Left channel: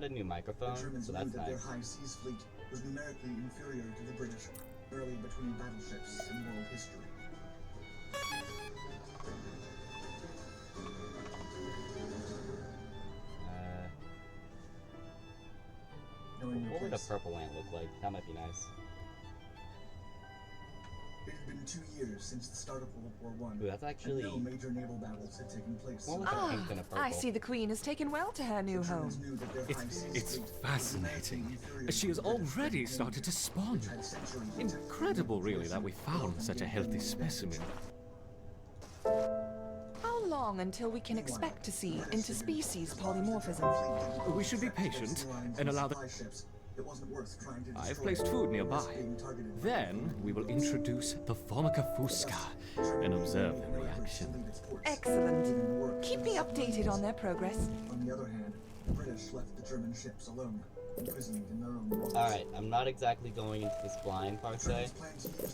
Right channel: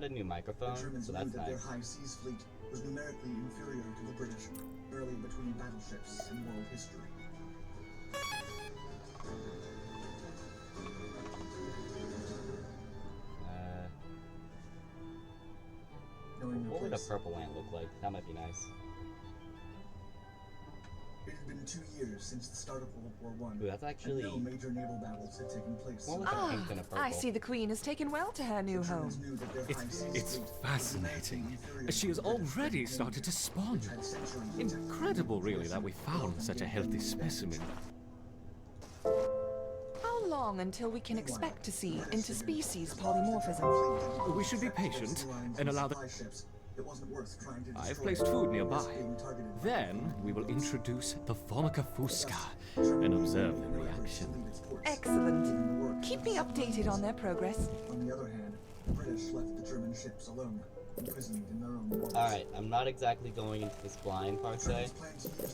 got a new microphone, so that's that their nice. high seas fleet was numerically inferior to the British, barely between battleships in world history. What would a purple ant look like? That might be nice. It had been 2 years since the start of World War I. Ooh, that's actually and no major naval battles had taken place. more like a pink than a purple. I see the Queen has taken well to her new home. It's fascinating. She has already started to spawn. Incredible, really, that we found such a healthy specimen. How long until we can expect to see interspecies polymorphism? We should be patient and allow the... I've placed food nearby. Then we will introduce the Formica fusca and observe their reaction. Excellent. Keep me updated on their progress. On the other hand, the British left the German ships alone, imprisoned in their own waters. Alright, I'm not exactly going into this blind per se.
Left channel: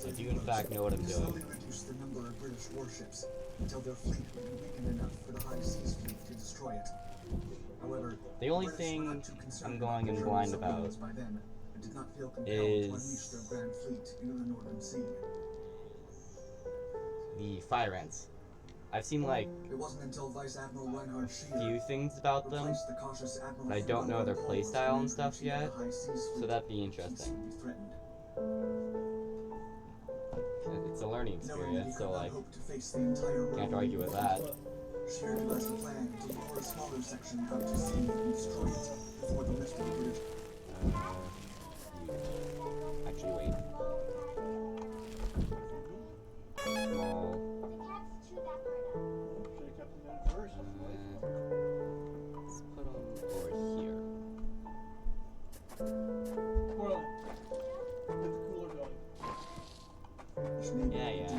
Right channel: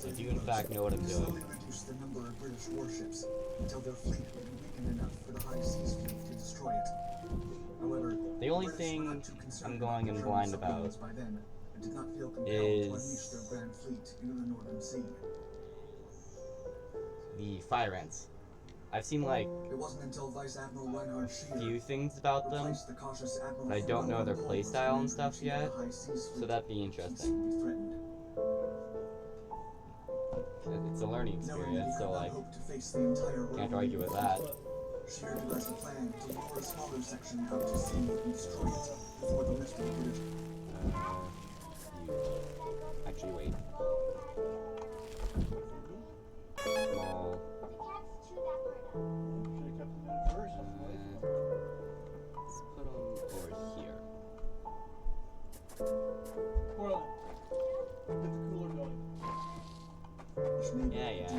I do in fact know what I'm doing. Slowly reduce the number of British warships until their fleet would be weakened enough for the high seas fleet to destroy it. However, the only thing I'm going in blind about is the fire ants. I've seen like a few things about them, but I don't know their playstyle and stuff yet, so that'd be interesting. It's a learning experience, so like, can't argue with that. Shear devised a plan to lure a smaller section out to sea and destroy it before the rest of the British. Actually, wait. Small. Let's put them over here. Yeah.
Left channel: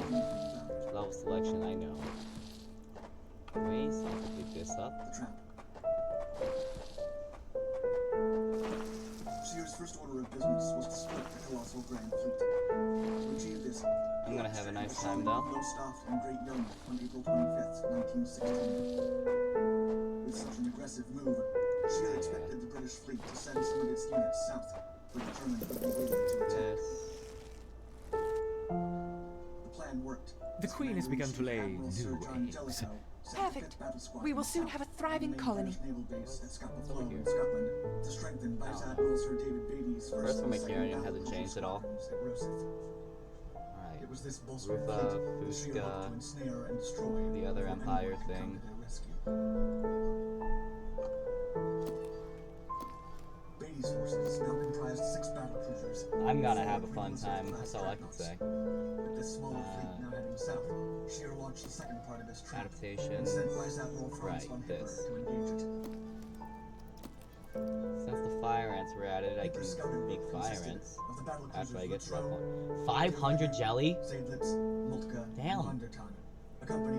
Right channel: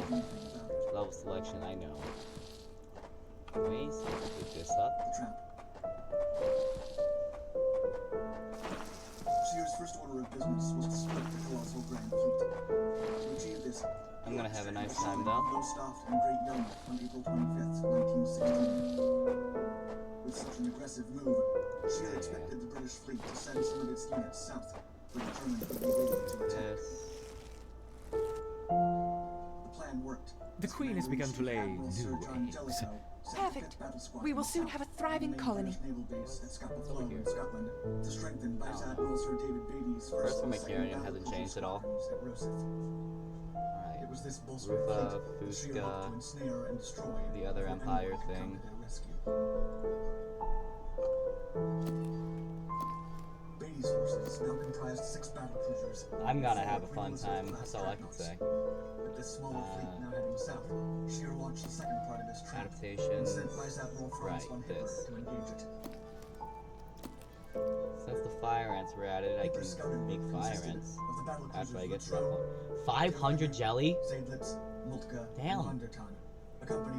Level selection, I know. Ways to pick this up. Shear's first order of business was to split the colossal Grand Fleet. To achieve this, I'm gonna have a nice time though. Lowestoft and Great Yarmouth on April 25th, 1916. With such an aggressive move, Shear expected the British fleet to send some of its units south, where the Germans would be waiting to attack. The plan worked. The Queen has begun to lay new eggs. Perfect. We will soon have a thriving colony. First one McCarran hasn't changed at all. Alright. Rufa, Fusca, the other Empire thing. I'm gonna have a fun time, that's all I can say. Adaptation. Right, this. Since the fire ants were added, I can make fire ants after I get to that point. 500 jelly? Damn.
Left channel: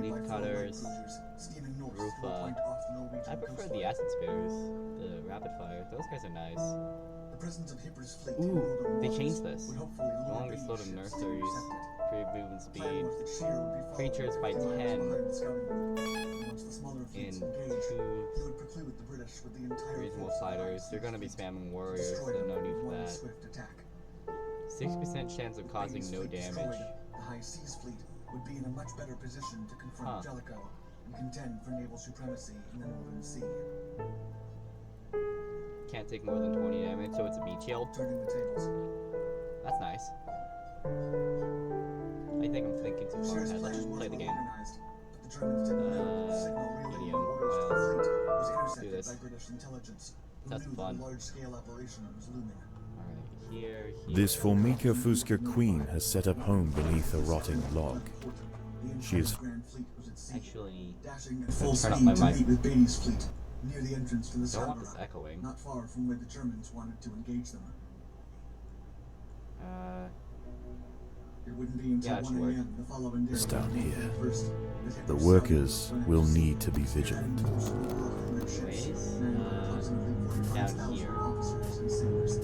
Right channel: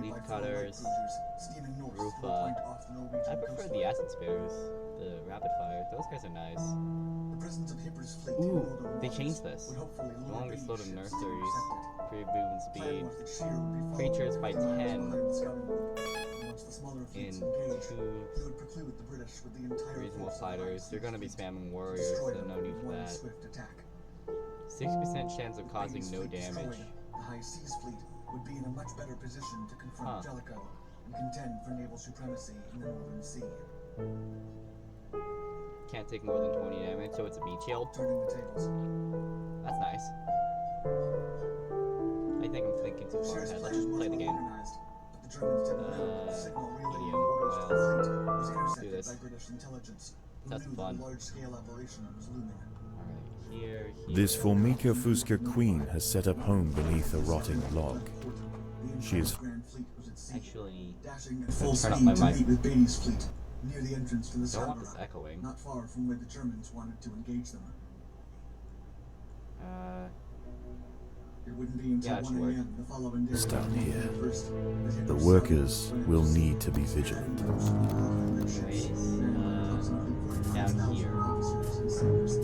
Leaf cutters. Rufa. I prefer the acid spares. The rapid fire. Those guys are nice. Ooh, they changed this. No longer slow to nurseries. Create movement speed. Creatures by 10 in 2 reasonable fighters. They're gonna be spamming warriors, so no need for that. 60% chance of causing no damage. The high seas fleet would be in a much better position to confront Jellicoe and contend for naval supremacy in the Northern Sea. Can't take more than 20 damage, so it's a beach shield. Turning the tables. That's nice. I think I'm thinking too far ahead. Let's just play the game. Medium. What else? Let's do this. That's fun. Alright, here. This Formica fusca queen has set up home beneath a rotting log. She is actually full turn up my mic. with Beatty's fleet near the entrance to the Don't want this Sabra, echoing. not far from where the Germans wanted to engage them. It wouldn't be until 1 a.m. the following day. It's down here. First, The workers will need to be vigilant. Anyways, down here. Let's do this.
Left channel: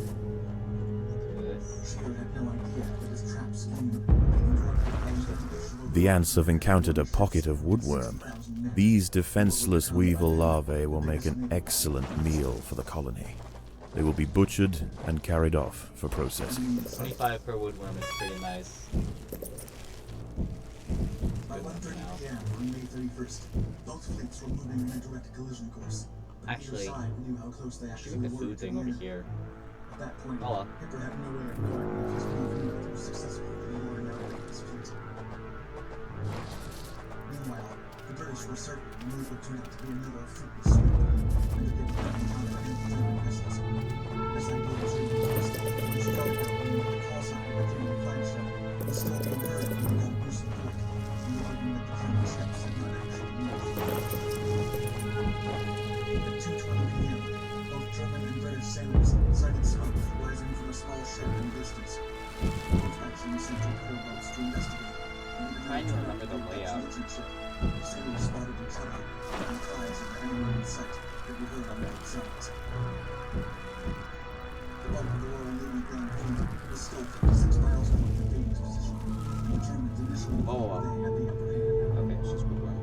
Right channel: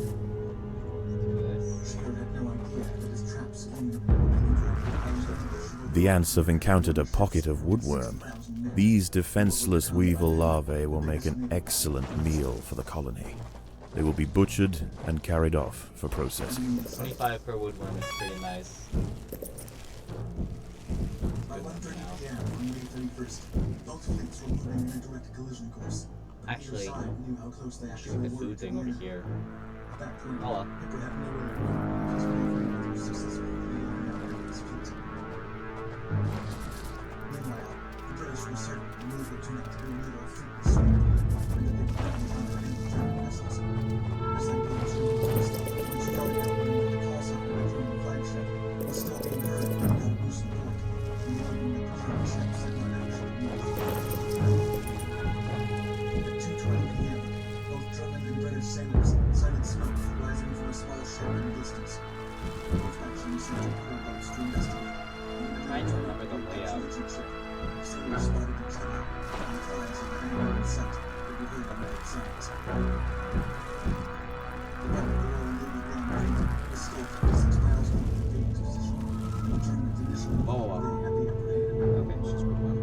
The ants have encountered a pocket of woodworm. These defenseless weevil larvae will make an excellent meal for the colony. They will be butchered and carried off for processing. 25 per woodworm is pretty nice. By 1:30 p.m. on May 31st, both fleets were moving in a direct collision course. But Actually, neither side knew how close they actually shoot the were food to thing the over enemy. here. At that point, Hello. Hipper had no way of knowing if his movement was successful in luring out his fleet. Meanwhile, the British were certain the move would turn out to be another fruitless sweep, and that they would not encounter any German vessels. This idea was reinforced when Jellicoe learned that the call sign of the German flagship was still being heard from the Galbusen port, indicating that the German ships had not actually moved. At 2:20 p.m., both German and British sailors sighted smoke rising from a small ship in the distance. Both factions sent torpedo boats to investigate. Trying to remember the layout. Sailors spotted each other, and cries of anyone in sight could be heard on both sides. The bulk of the Royal Navy ground fleet was still 56 miles north of Davies' position, and the Germans initially thought they had the upper hand. Okay, it's just woodworm.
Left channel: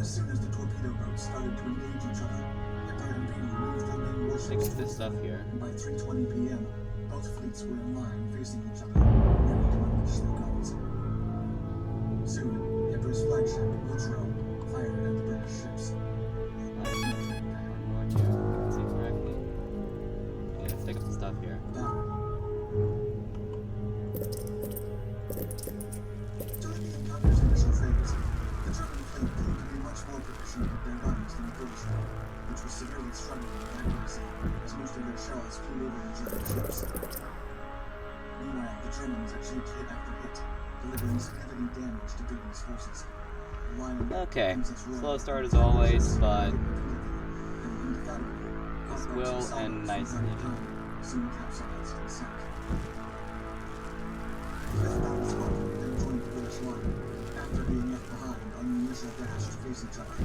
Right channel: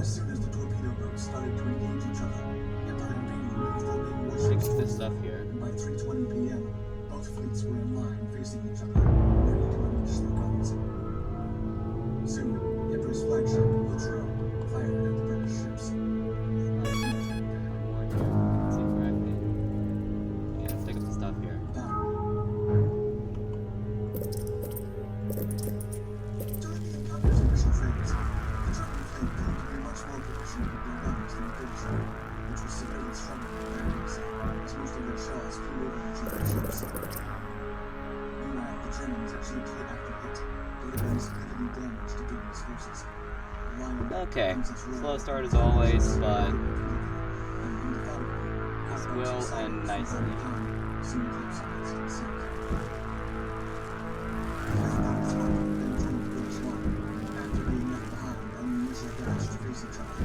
As soon as the torpedo boats started to engage each other, Hipper and Beatty moved their main warships Fix this forward, stuff here. and by 3:20 p.m., both fleets were in line facing each other, ready to unleash their guns. Soon, Hipper's flagship, Lutro, fired at the British ships. One more here. See correctly. Yeah, let's take up the stuff here. Battle. During the encounter's initial phase, the German fleet proved to be much more proficient with their guns than the British one, which was severely struggling with accuracy, as most of their shells flew over the German ships. Meanwhile, the Germans achieved hit after hit, delivering significant damage to Beatty's forces. The line of Okay, Princess Royal slow start as always, but and indefatigable, this outbound will Sullivan end from nicely. time to time soon capsized and sank. The fifth battle squadron then joined the British line, after being left behind on the initial dash to face each other.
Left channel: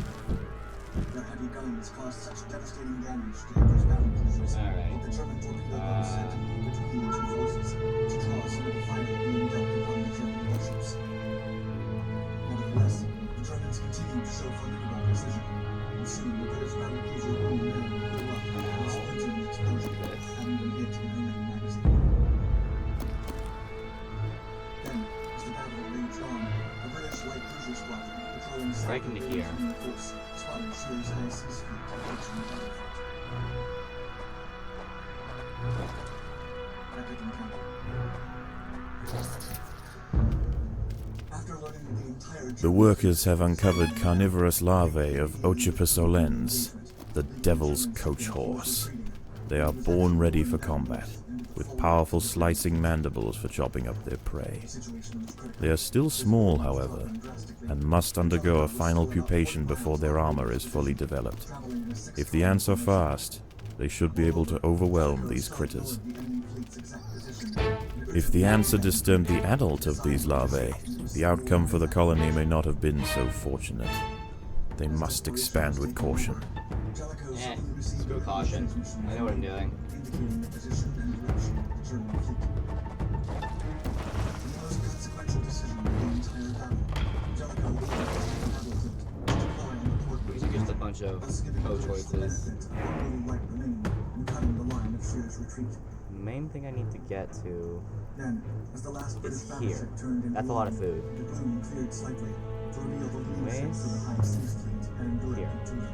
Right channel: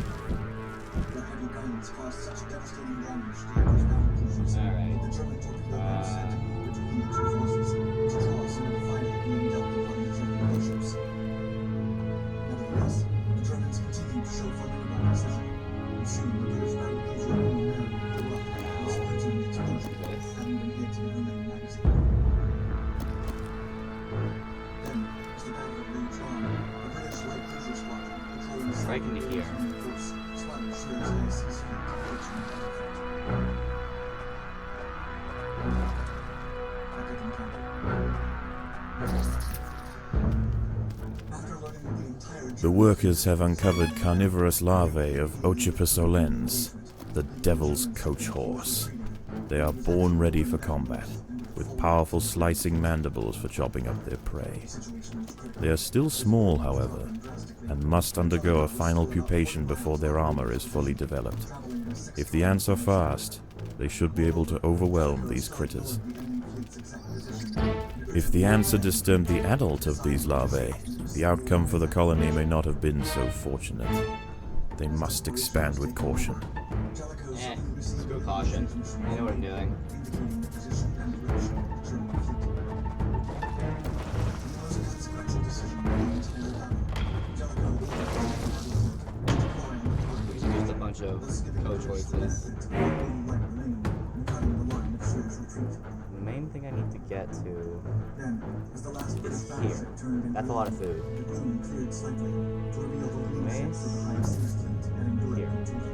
Their heavy guns caused such devastating damage to Hipper's battle cruisers Alright. that the German torpedo boats had to move between the two forces to draw some of the fire being dealt upon the German warships. Nevertheless, the Germans continued to show formidable precision, and soon the British battle cruiser Queen Mary blew up with a splintering explosion, having been hit in her main magazine. Then, as the battle raged on, a British light cruiser squadron patrolling the Right into here. course spotted Shear's High Seas fleet approaching the battlefront. Epic encounter. After learning that the entire The workers have uncovered carnivorous larvae of Ocypus olens, the devil's coach horse. They are born ready for combat, with powerful slicing mandibles for chopping up their prey. They are still small, however, and must undergo a final pupation before their armor is fully developed. If the ants are fast, they should be able to overwhelm these critters. If the ants are discerned the adult of these larvae, the outcome for the colony may not have been so fortunate. They must expand with caution. Screw caution. I know what I'm doing. Indicating the position and direction of the German fleet. The most consequential decision of the entire battle, Jellicoe ordered the battle fleet to deploy on the port These are just a bunch of thus giving coach British the horses. benefit of what little light remained and cutting the line of Shear's retreat. The main thing I need to get to Then, as the last British is battleship here. turned into That's a lot of line, food. the gloom cleared slightly to reveal the lead ships of the Anyways, High Seas fleet heading directly here. to them.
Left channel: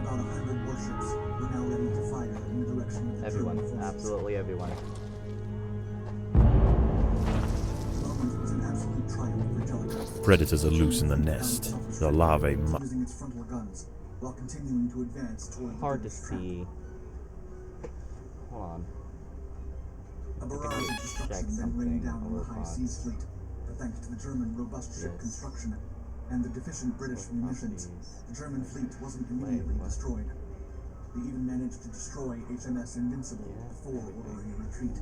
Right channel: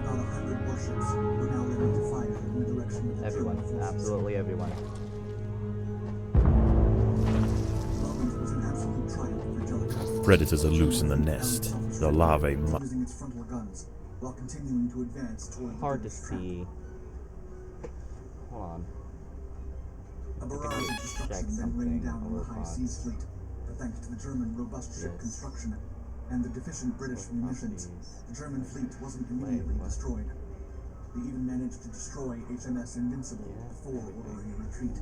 About 100 warships were now ready to fire in the direction of the Everyone, German forces. absolutely everyone. The moment was an absolute triumph for Jellicoe. Predators are loose in the nest. The larvae using its frontal guns while continuing to advance toward the Hard to British trap. see. Hold on. A barrage of check destruction then something rained down on the over High box. Seas fleet, but thanks to the German robust ship Yes. construction and the deficient British Over munitions, boxes. the German fleet wasn't immediately what? destroyed. They even managed to destroy HMS Invincible Yeah, before there we go. ordering a retreat.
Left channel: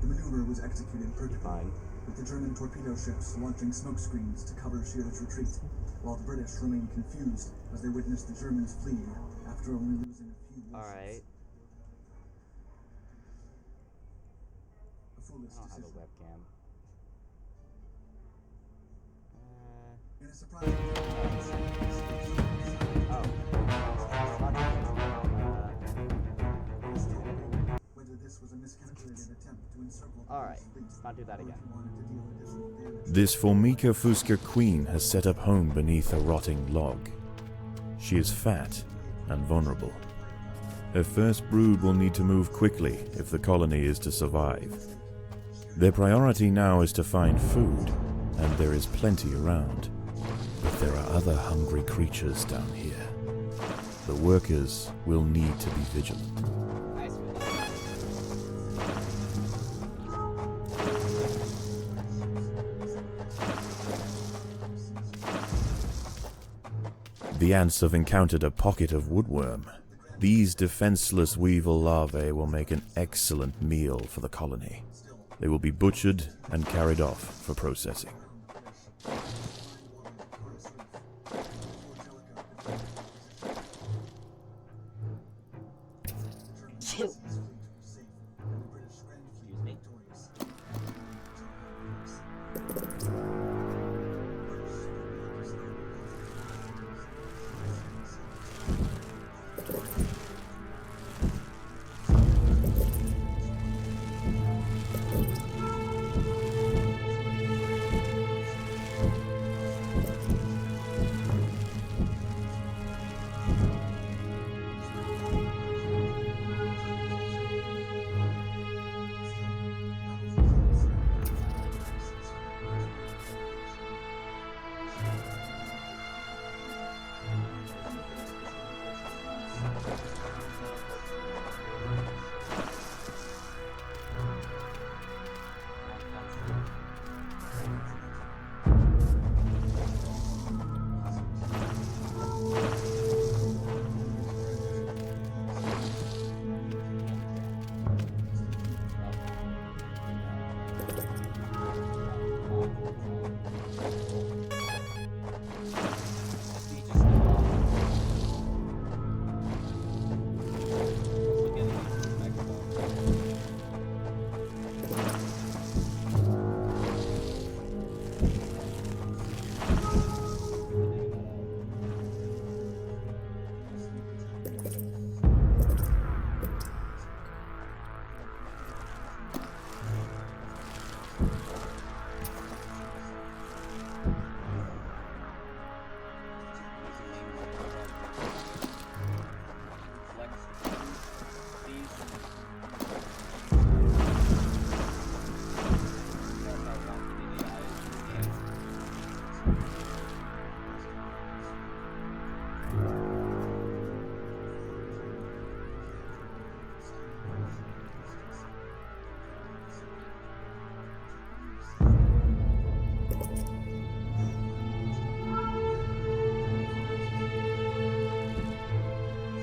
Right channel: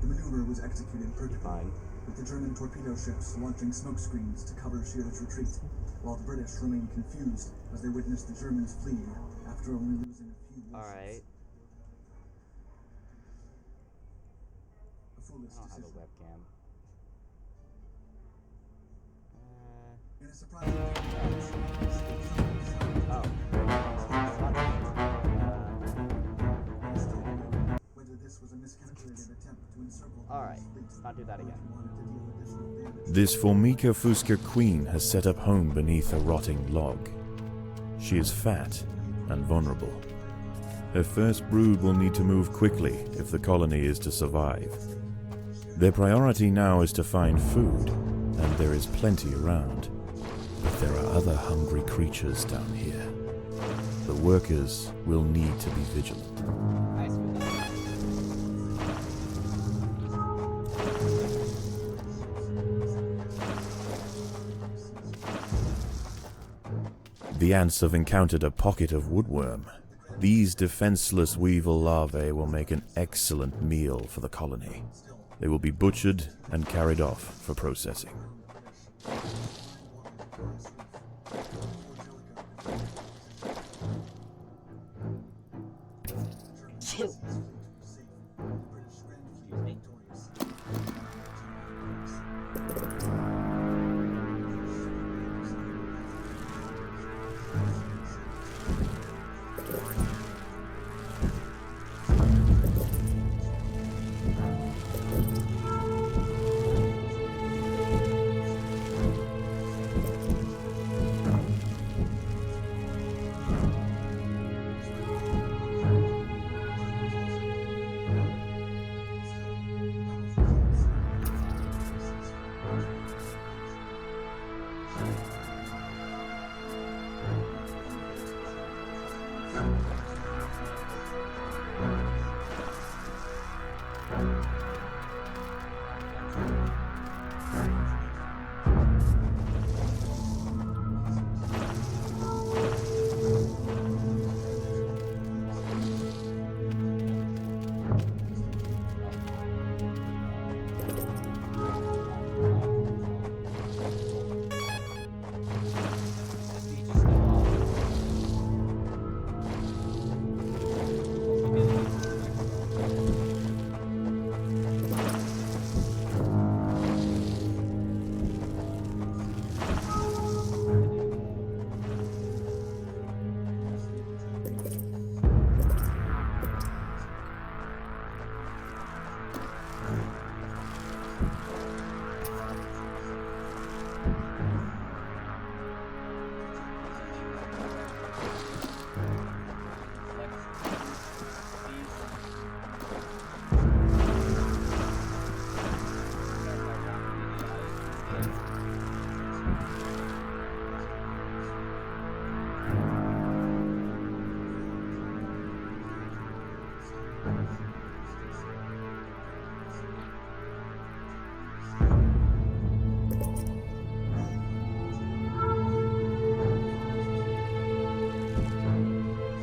The maneuver was executed perfectly, Fine. with the German torpedo ships launching smoke screens to cover Shear's retreat, while the British remained confused as they witnessed the Germans fleeing after only losing a few warships. Alright. A foolish I don't have a decision. webcam. In a surprising turn of events, Alright, let's not do that again. This Formica Fusca queen has set up home beneath a rotting log. She is fat and vulnerable. Her first brood will need to move quickly if the colony is to survive. Their priority now is to find food, and there is plenty around. But there are other hungry creatures down here. The workers will need to be vigilant. I see what that is. The ants have encountered a pocket of woodworm. These defenseless weevil larvae will make an excellent meal for the colony. They will be butchered and carried off for processing. Excuse me?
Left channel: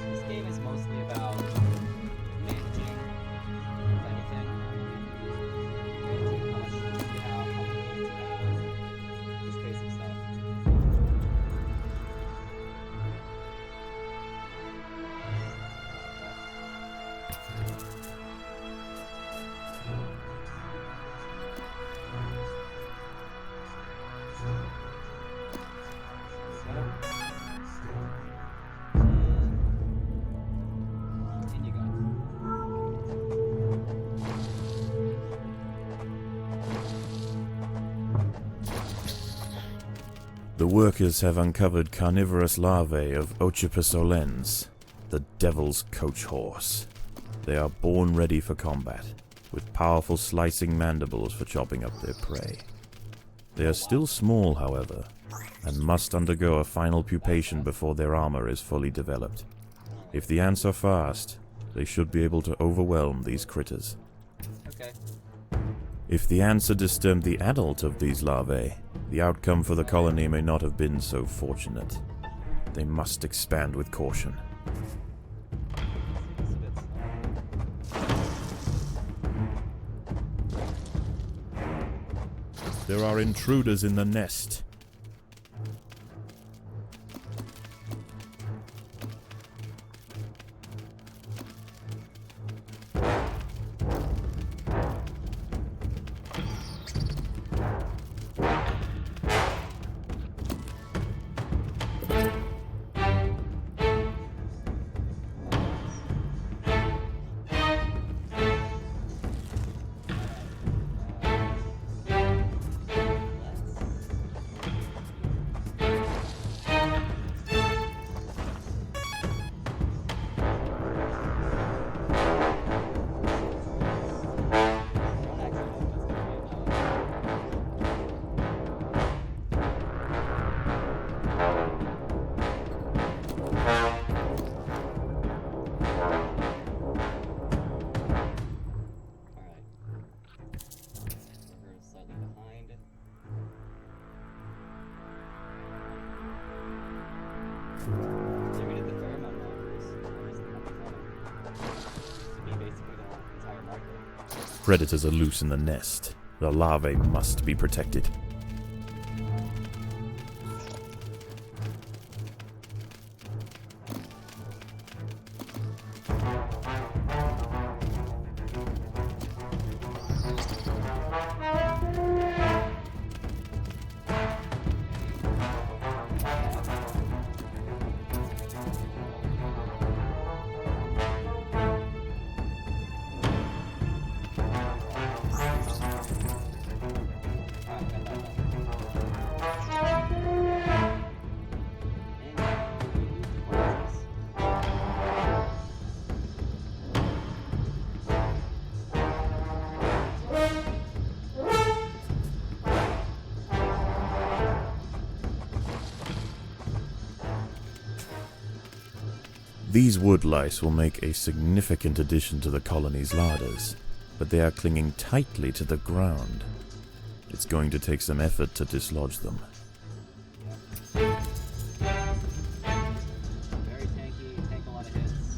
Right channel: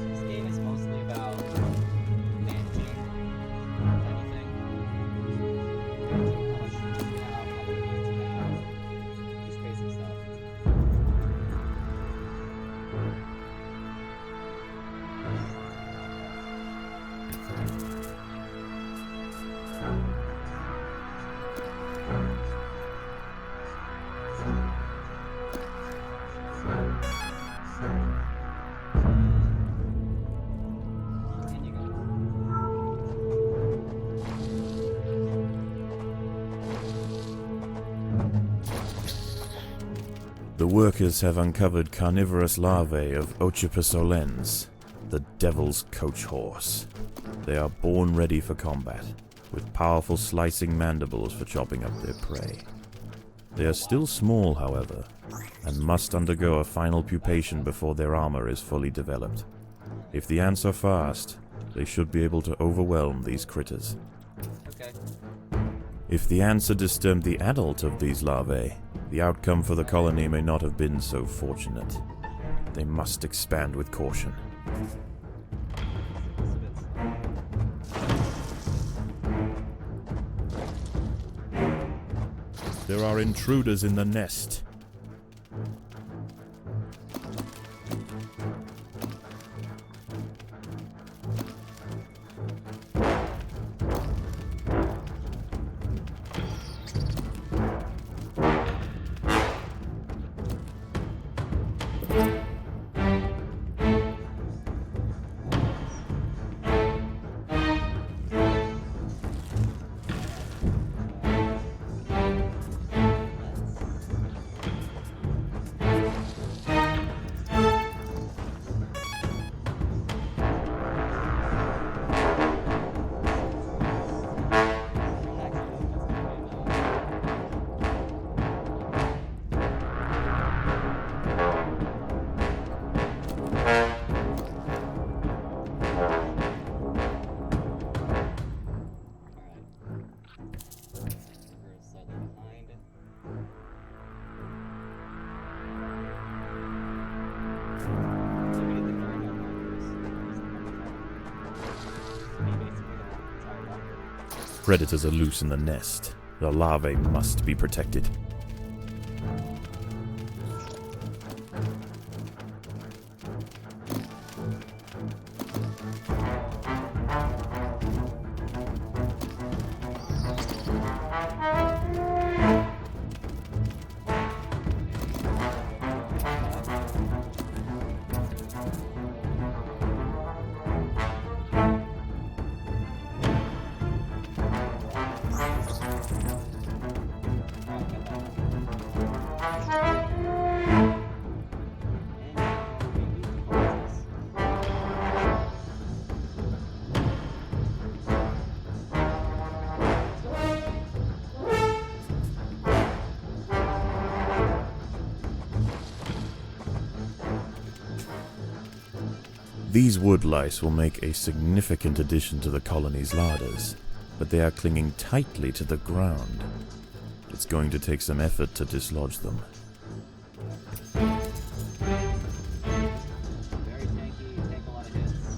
This game is mostly about managing, if anything. Managing how much food you have, how many needs you have. Just basic stuff. And you go. The workers have uncovered carnivorous larvae of Ocypus olens, the devil's coach horse. They are born ready for combat, with powerful slicing mandibles for chopping up their prey. They are still small, however, and must undergo a final pupation before their armor is fully developed. If the ants are fast, they should be able to overwhelm these critters. Okay. If the ants had disturbed the adult of these larvae, the outcome for the colony may not have been so fortunate. They must expand with caution. It's a bit slow. There are intruders in the nest. did the pheromone markers. To be basically the entire marker. Predators are loose in the nest. The larvae must be protected. These wood lice will make a significant addition to the colony's larders, but they are clinging tightly to the ground. It's going to take some effort to dislodge them. Very tanky, take a lot of hits.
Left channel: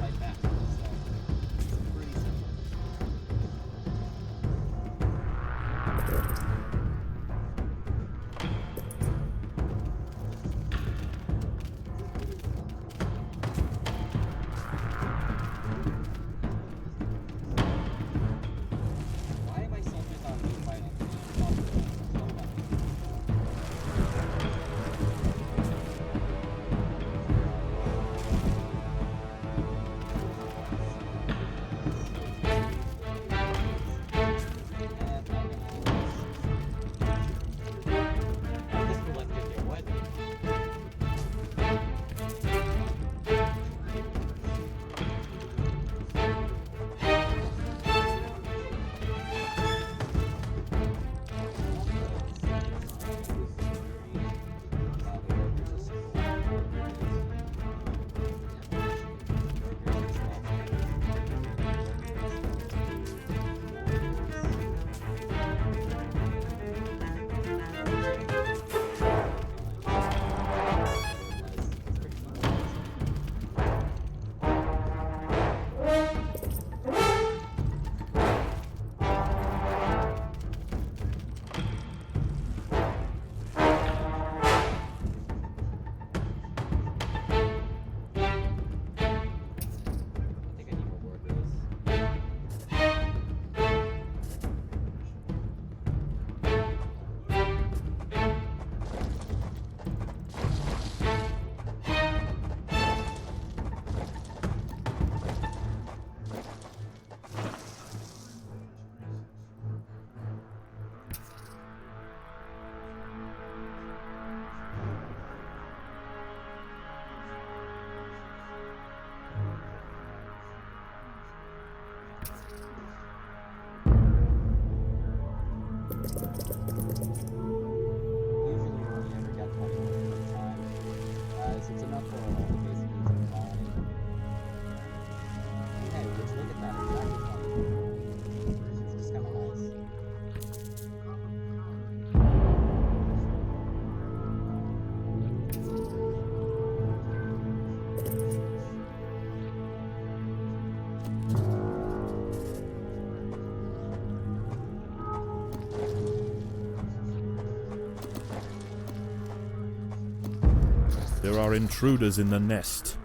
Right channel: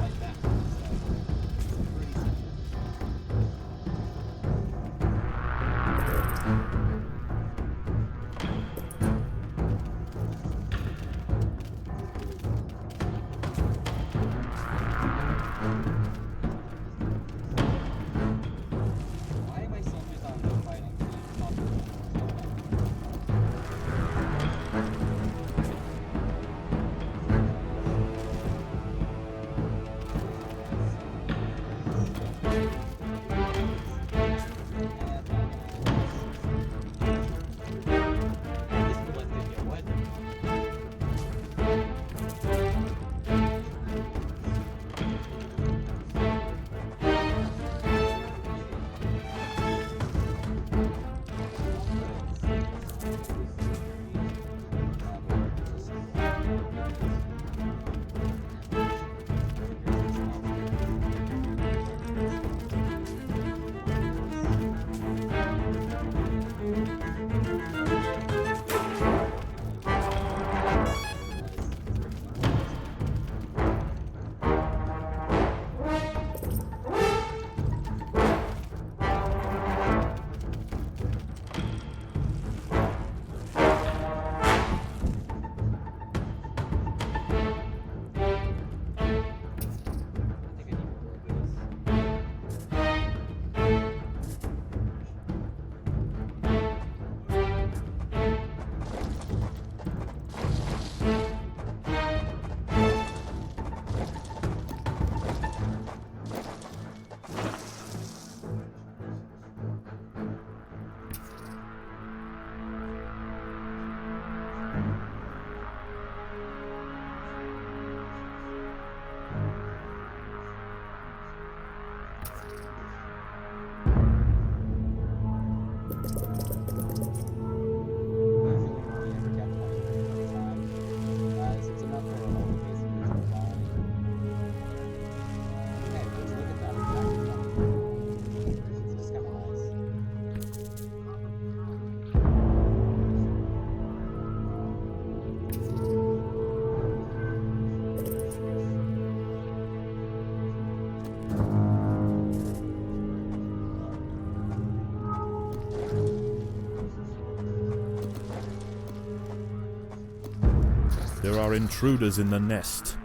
Like that. So, pretty simple. Why am I soldiers on no fighting? This will let me get what? There are intruders in the nest.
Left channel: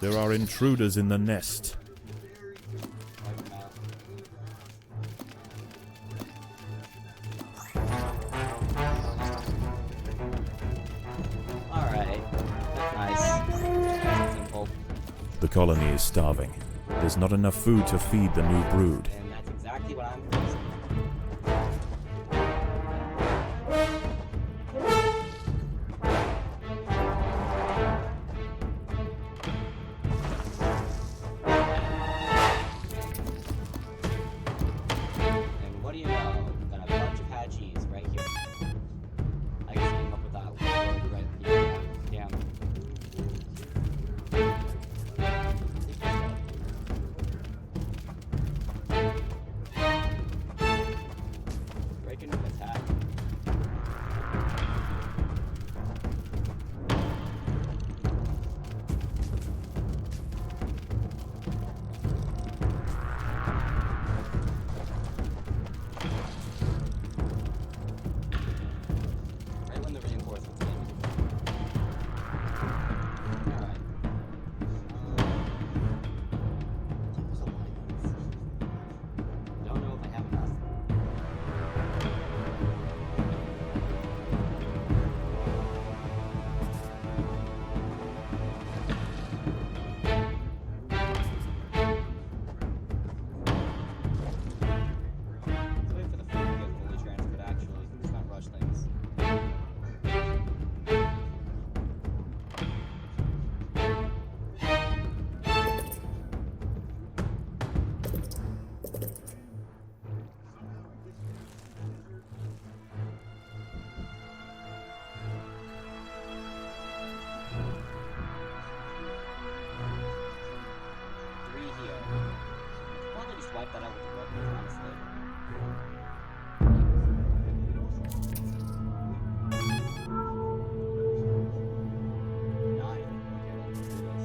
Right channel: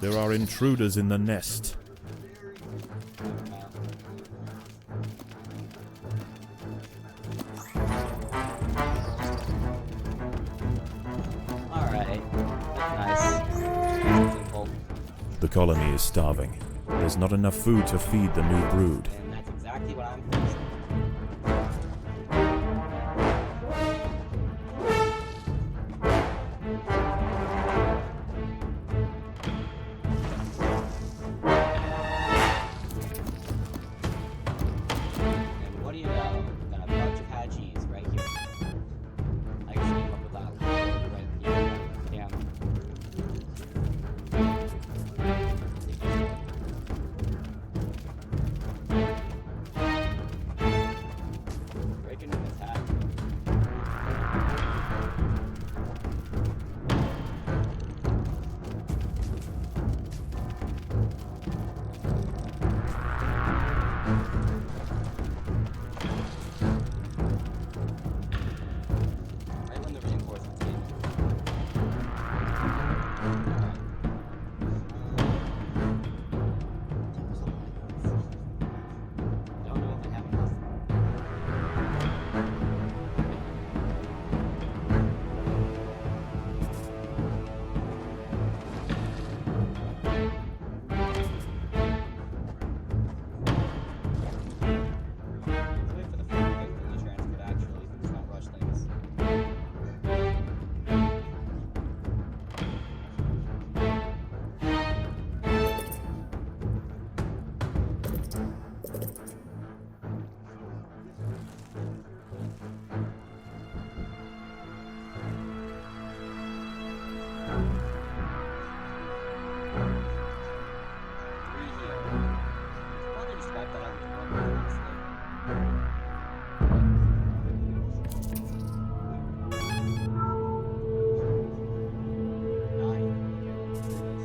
There are intruders in the nest. Alright. That's nice. Nice and simple. The colony is starving. There's not enough food to feed the new brood. And that's exactly what I'm fixing. And what do you know? Got a bunch of Hadjis right here. I just came up with that word right here. Damn. Breaking an attack. Right when the reinforcements came in. Alright. There's a lot of these. Don't know if I have enough. Let's wait for the food to get fully transferred actually. Let's not rush things. Three here. Probably just wipe that out with the workers, honestly. Nine. Okay, let's do this.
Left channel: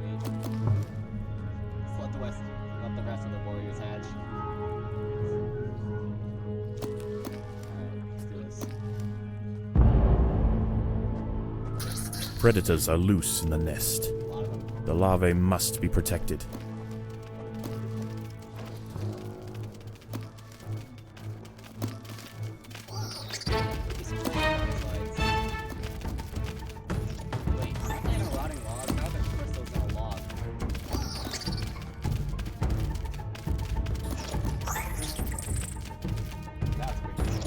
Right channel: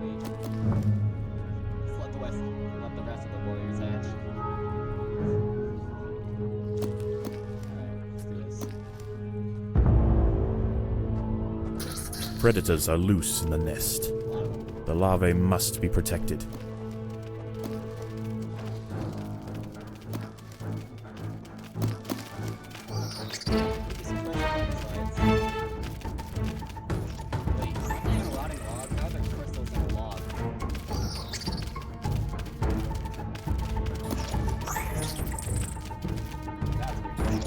Wait. Let's let the rest of the warriors hatch. Alright, let's do this. Predators are loose in the nest. A lot of them. The larvae must be protected. These controls on the sides. Wait, something in a rotting log? How are the crystals in a log? That's pretty cool.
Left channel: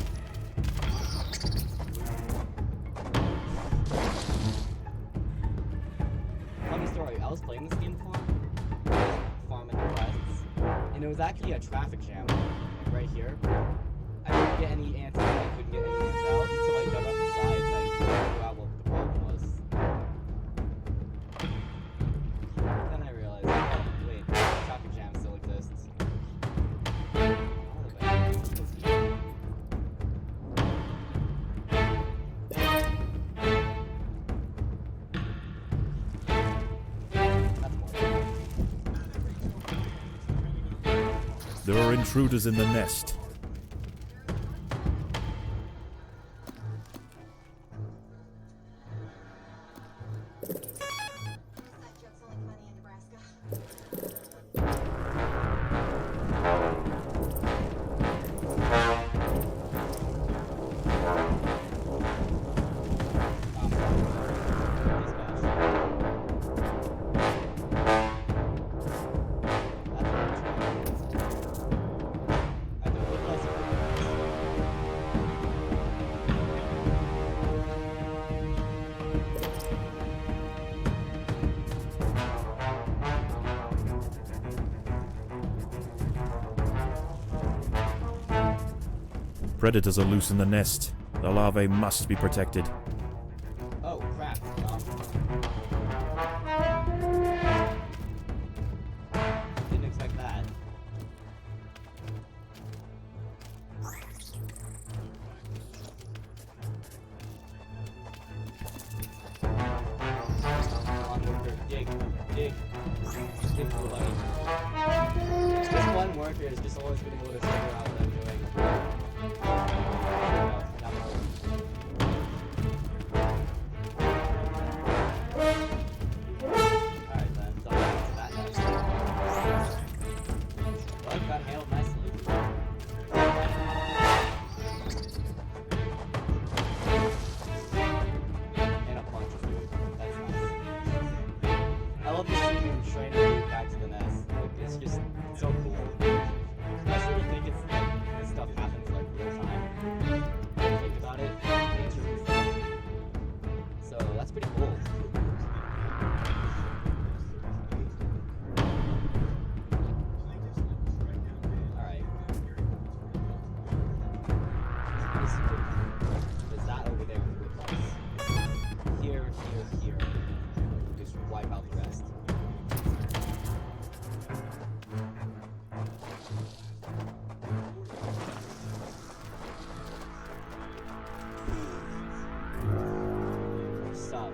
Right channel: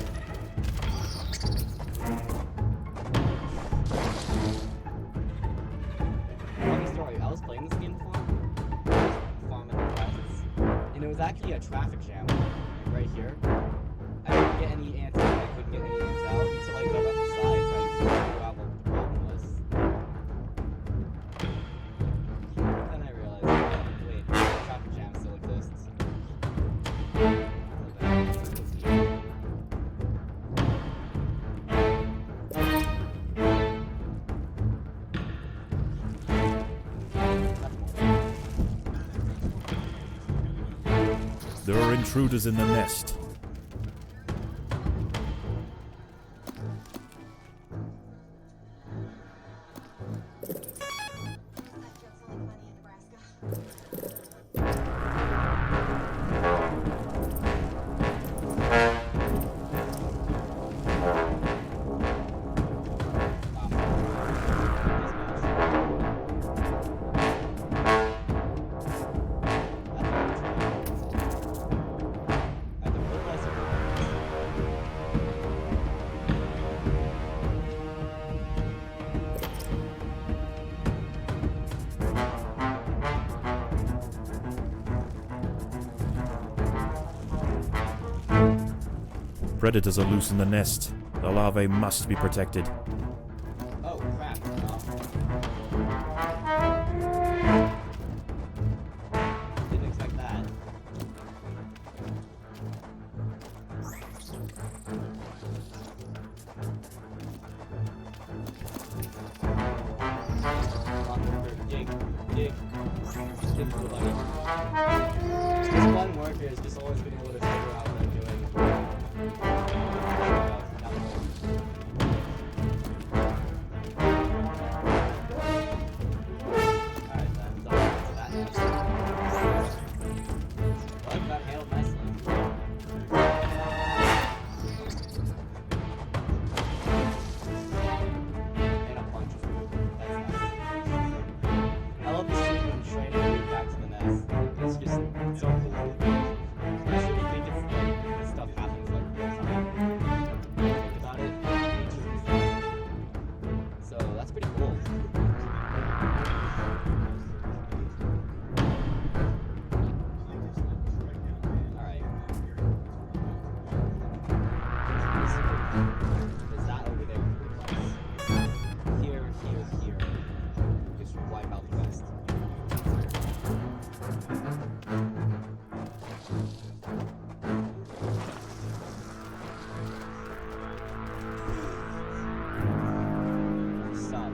Funny story, I was playing this game before. I was farming the quests. And it was actually a traffic jam. Like right here. I couldn't get any ants in, I couldn't get any ants out until I got up the sides and I figured out what the problem was. Then I realized, oh, wait, the traffic jam still exists. All of that was here. That's more. There are intruders in the nest. Predators are loose in the nest. The larvae must be protected. Oh, crap. Didn't expect that. Come on, worker. Dig. Dig. Dig, little buddy. This one worker has just always been able to figure out what I'm doing. There we go. Down the hole. Alright. It's just so cool. Especially when you think it's like this stuff happens like real time. When you think about it, nature and stuff. So that's pretty cool. Alright. This is pretty cool. There's that over there with the place. Here. Just wipe out the rest. Stop.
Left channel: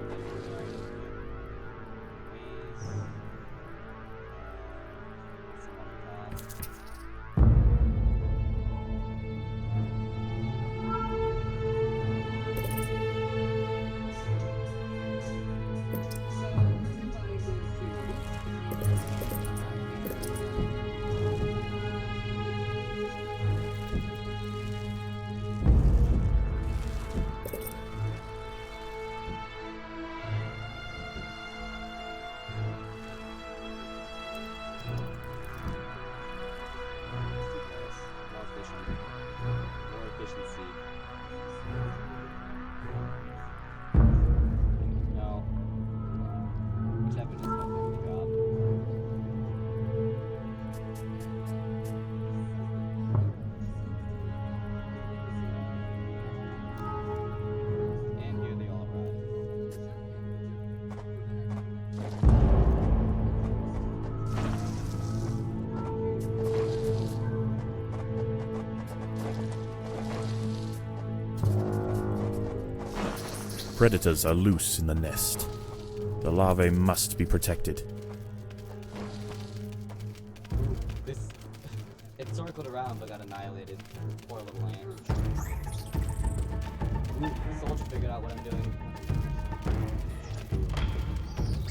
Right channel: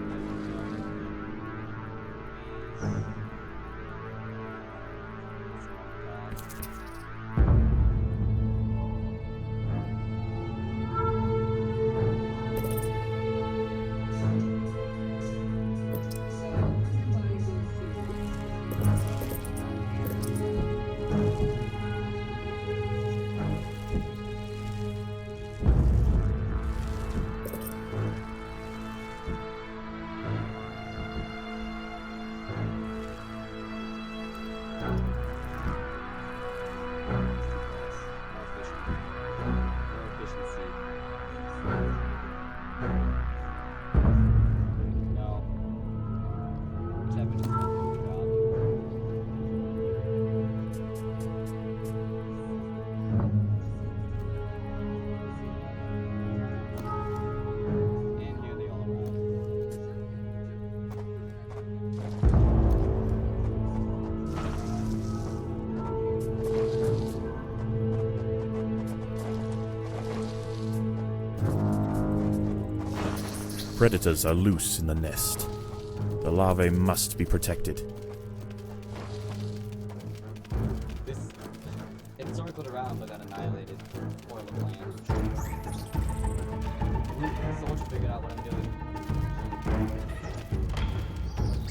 No. Whichever doesn't do the job. And here they all arrive. Predators are loose in the nest. The larvae must be protected. It circled around but got annihilated. Poor little ant. The soldier figured out what I'm doing.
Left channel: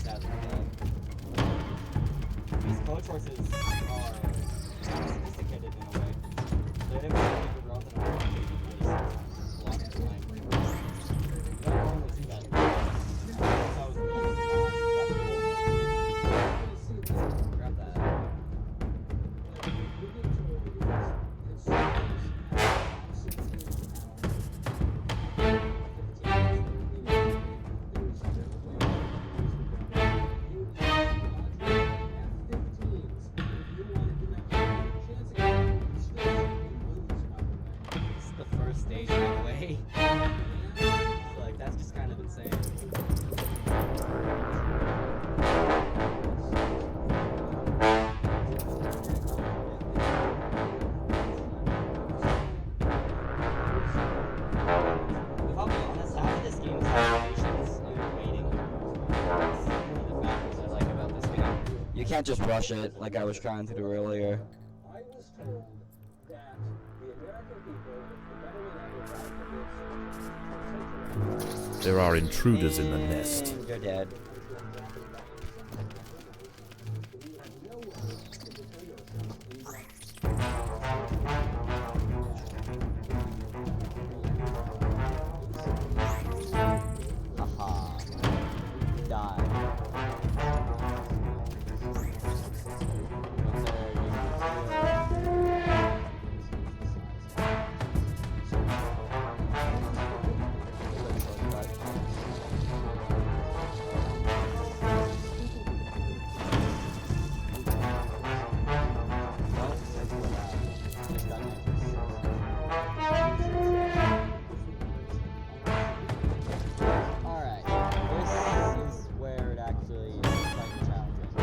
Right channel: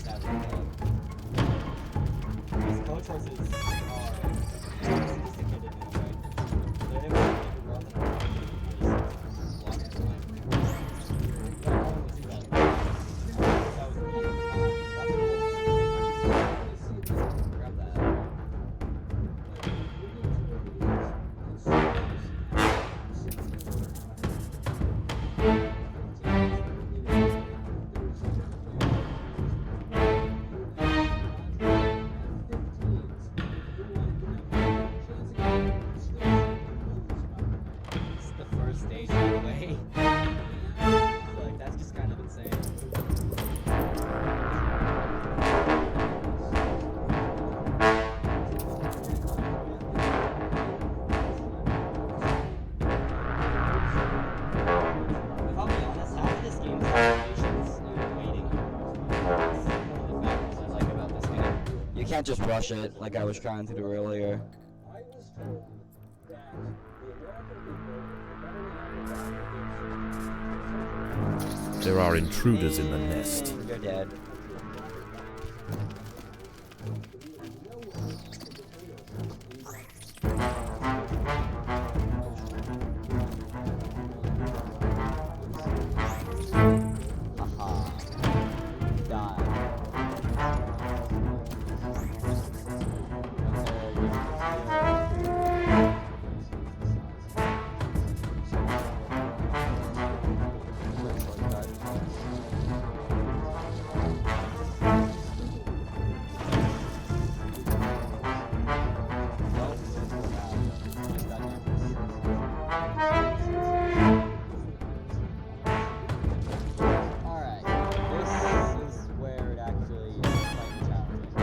That's these coach horses are sophisticated in a way. They're able to make a route that I'm just block the line. You don't normally see that. That was me. That's cool. Grab that. This is the first stage, by the way. Like, that's just kind of insane. If I'll be honest, half of this game is patience and waiting. That's one of the factors I like about this game. You can't just rush it like I was trying to do earlier. I was told that the American people, the government underground, There are intruders in the nest. And you're dead. Haha. Die. Alright, this is where it actually is quite challenging.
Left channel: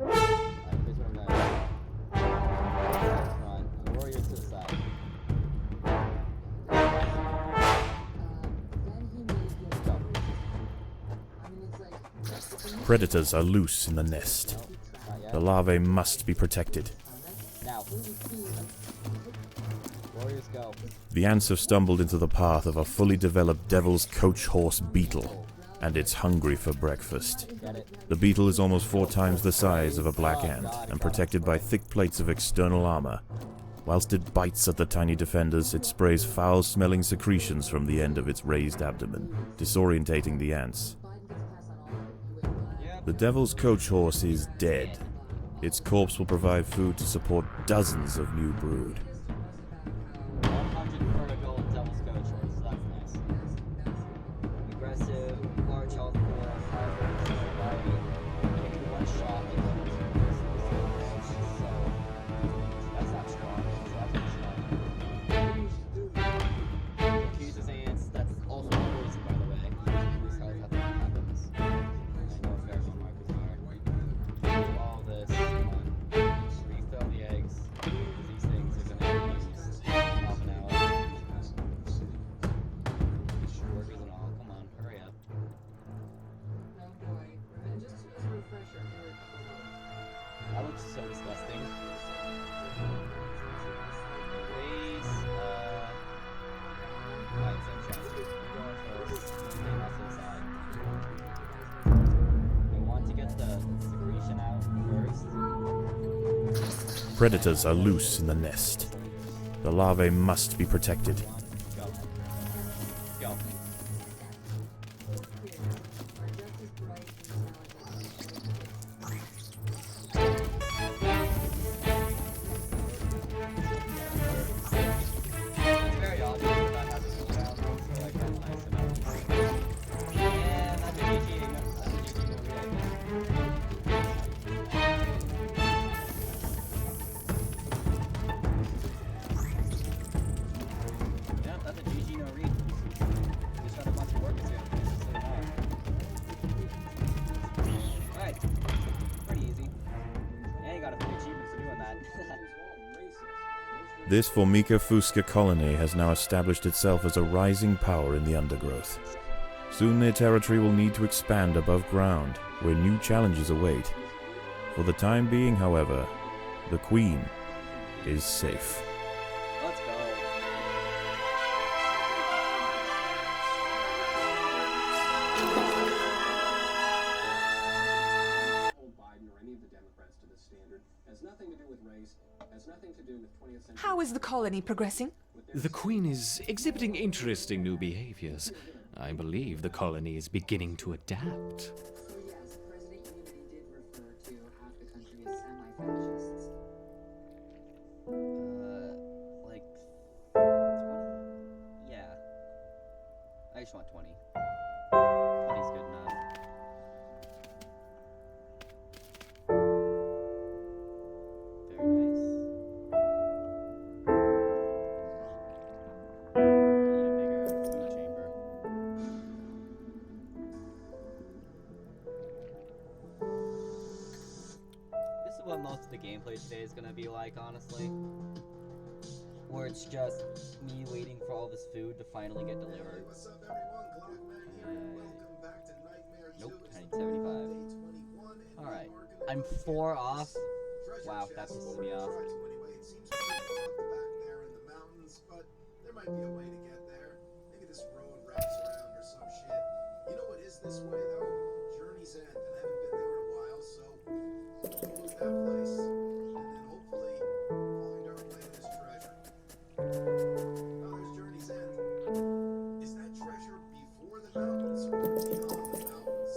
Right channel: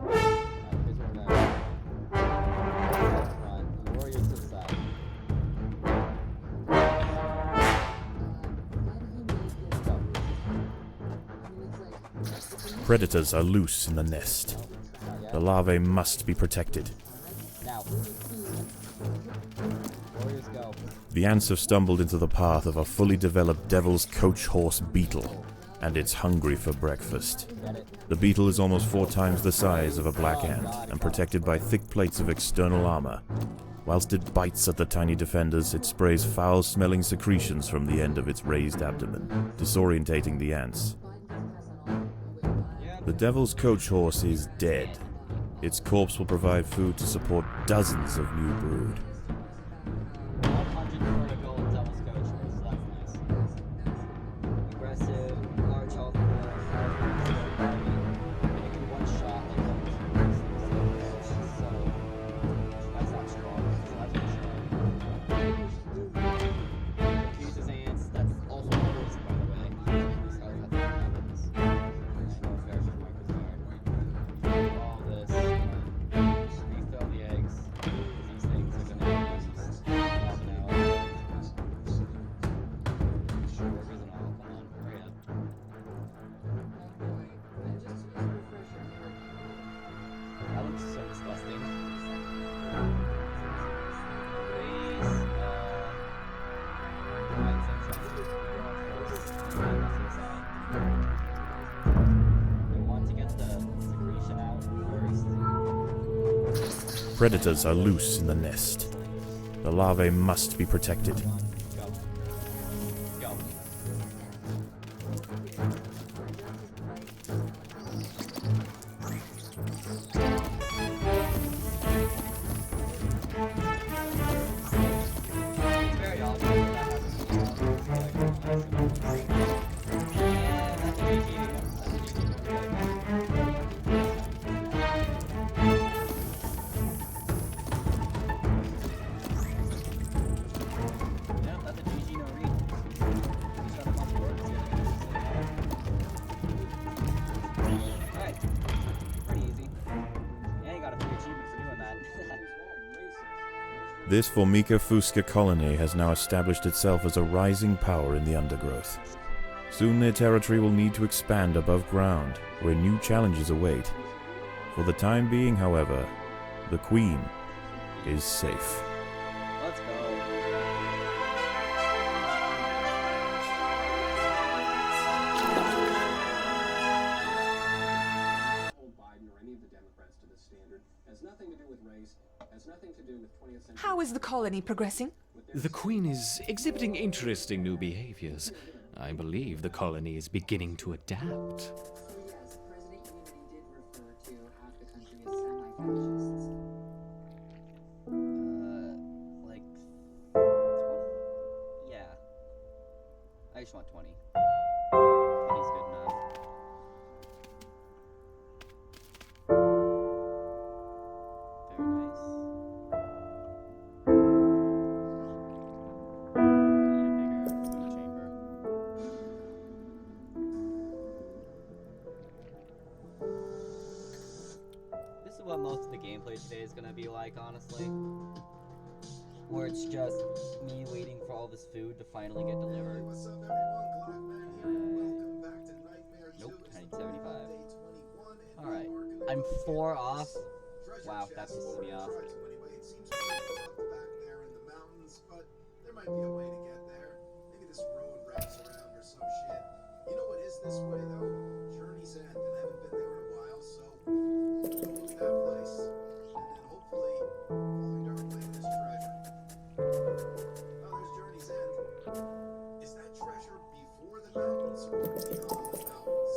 Alright, here's where we're going. Warriors up front, and warriors to the side. Go. Predators are loose in the nest. Not yet. The larvae must be protected. Now. Warriors go. The ants have stumbled into the path of a fully developed devil's coach horse beetle, and it's hungry for breakfast. Get it? The beetle is almost 4 times the size of a black ant and protected by thick plates of external armor. Whilst it bites at the tiny defenders, it sprays foul-smelling secretions from the end of its raised abdomen, disorientating the ants. Yep. The Devil's Coach Horse is dead. Its corpse will provide food to support dozens of new brood. 100 for a gold Devil's Coach Horse, so that's nice. Aggressive, large health core, powerful, control body. It can one shot like almost so that's not strong. So that's pretty strong. Confuses ants, that's also poison by the way. This health after that happens. I know if there's markers are. Do all this, refill the eggs. These things are gonna be used half an hour. Workers and all, come on, hurry up. That looks so disgusting. Please, alright, sunshine. You go on first. You can off to the side. I want to get the secretion out first. Predators are loose in the nest. The larvae must be protected. Go. Go. It's very obvious that that has a cooldown, so like that's nice enough. Yeah, that's a GG. That's a GG no read. Yep, that's a GG no read. Just got a bunch of work to do. Alright. Pretty easy. And you got a free achievement for doing that. This Formica fusca colony has now established itself as a rising power in the undergrowth. Soon their territory will need to expand above ground, where new challenges await. For the time being, however, the Queen is safe. Let's go. Hold Biden or any of the Democrats to this standard. Has nothing to do with race. Has nothing to do with 20th century. How is the colony progressing? The Queen is exhibiting interesting new behaviors. I believe the colony is beginning to adapt. So yes, President Unity did refer to half the country as semi-fascists. Like 20? Yeah. I just want 20. 20's good enough. Very nice. I need a bigger food chamber. This is what most of the gameplay today is gonna be like, honestly. Where it's just me waiting for all this food to finally get delivered. What's up, everyone? Glockman here. Welcome back to Nightmare 2. Nope, I need It's 75. day 21, and Alright, we are gonna I'm go through 4 this off. treasure Wow, that chest. pisses Well, me we're off. gonna try to anyway. It seems to be tucked back there in the mountains, but there might be a way to get there. Maybe this road wraps around or some shit. You know what is this way, though? Journey's End, and I haven't been there in a while, so we'll go loot that place, and then hopefully find our way to this treasure. Oh, there's Journey's End. Is that treasure before the mountains or beyond the mountains?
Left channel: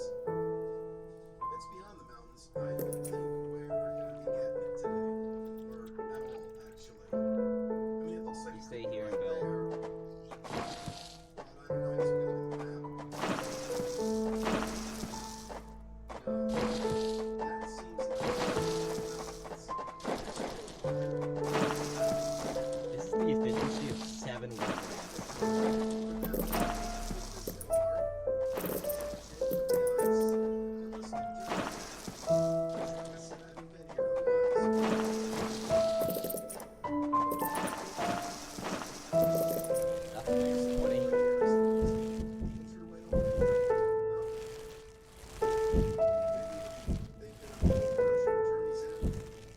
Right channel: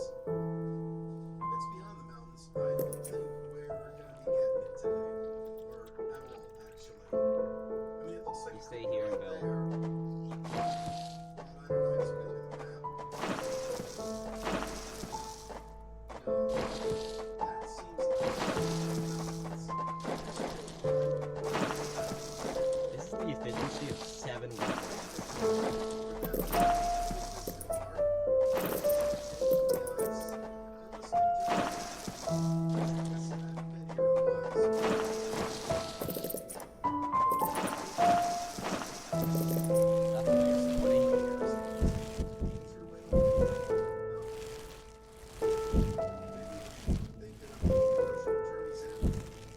If it's beyond the mountains, I don't think we're gonna be getting it today. Or at all, actually. I mean, it looks like You it stay could be here and right build. there. But I don't know, I guess we gotta look at the map. No, that seems like This is the efficiency of 7 weeks.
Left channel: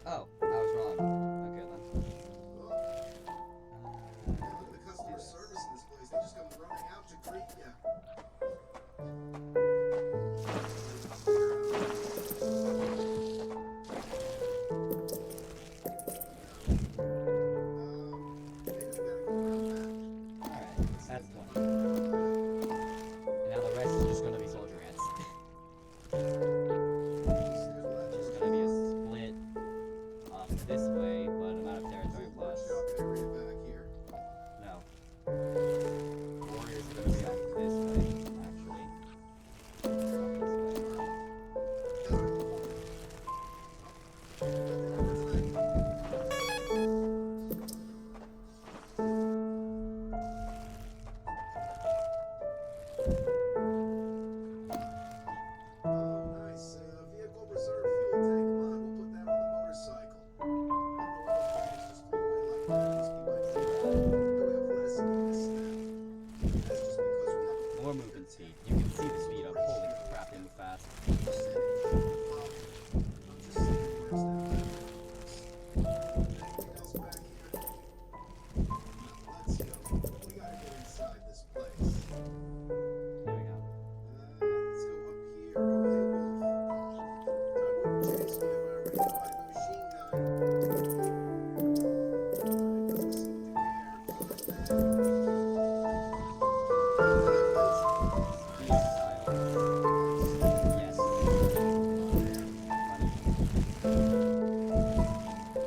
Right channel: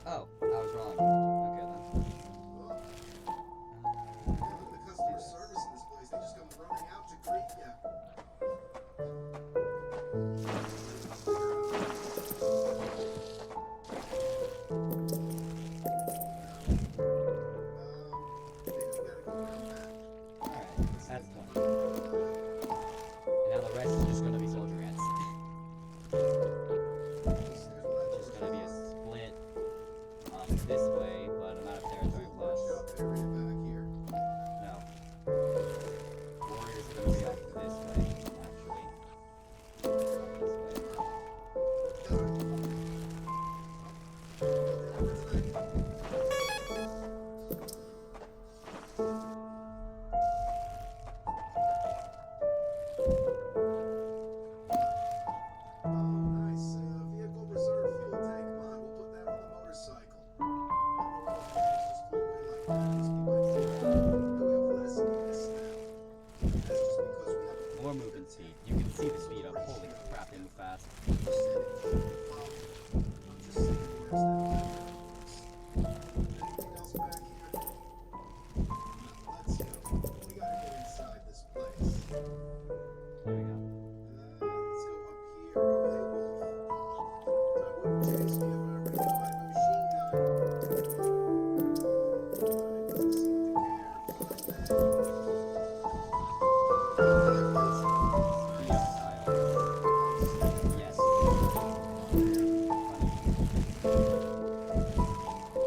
Oh, I was wrong. Okay then. Look at the customer service in this place. They just come running out to greet ya. Maybe we gotta go around back. Alright, that's 20. And now the rest is just gonna be soldier ants. More movement speed. You can see the speed up. Holy crap, they move fast. Anything else back here? Let's go. We gotta get inside this place. There we go. Let's go up here. Oh, hey, Wolf. I wouldn't chase me if I already know I have a machine gun. It doesn't seem to care. Fine, Speed up style. Yes.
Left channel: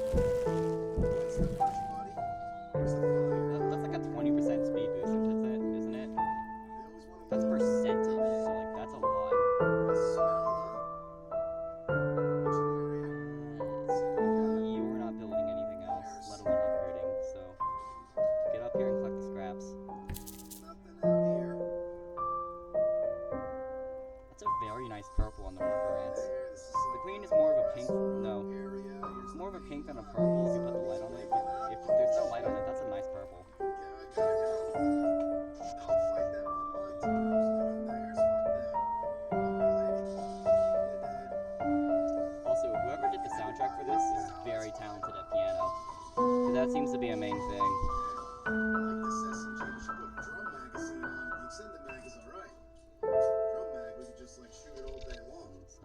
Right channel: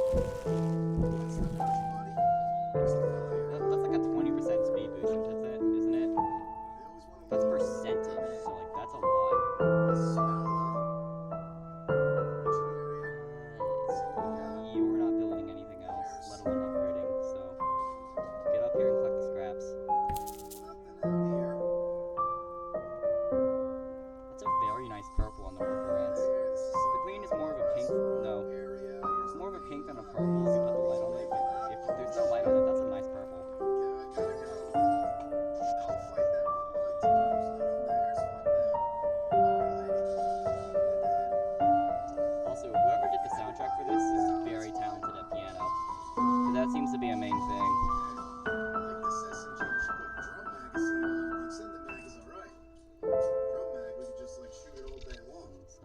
what's the first, buddy? Where's the fire? That's like a 20% speed boost, isn't it? They always want to That's percentage, so like that's a lot. smell, huh? Kitchen area. You are not building anything else, let alone upgrading, so get up here and collect the scraps. Nothing out here. That's a very nice purple on the worker ants. There, this is The like queen is more of a pink, no, area. it's more of a pink than a purple if you put the light on it, but if there's no light on it, that's a nice purple. Yeah, I gotta go. I'll fight them on my terms. Not on theirs. Fuck them. Bye, lady. You're Also, whoever did the soundtrack for this is very talented at piano, because that seems to be a main thing. dead. Like this SNG, we should put Drum Magazine on. The extended mag is alright. Drum mag, we could just like shoot it all day long. So,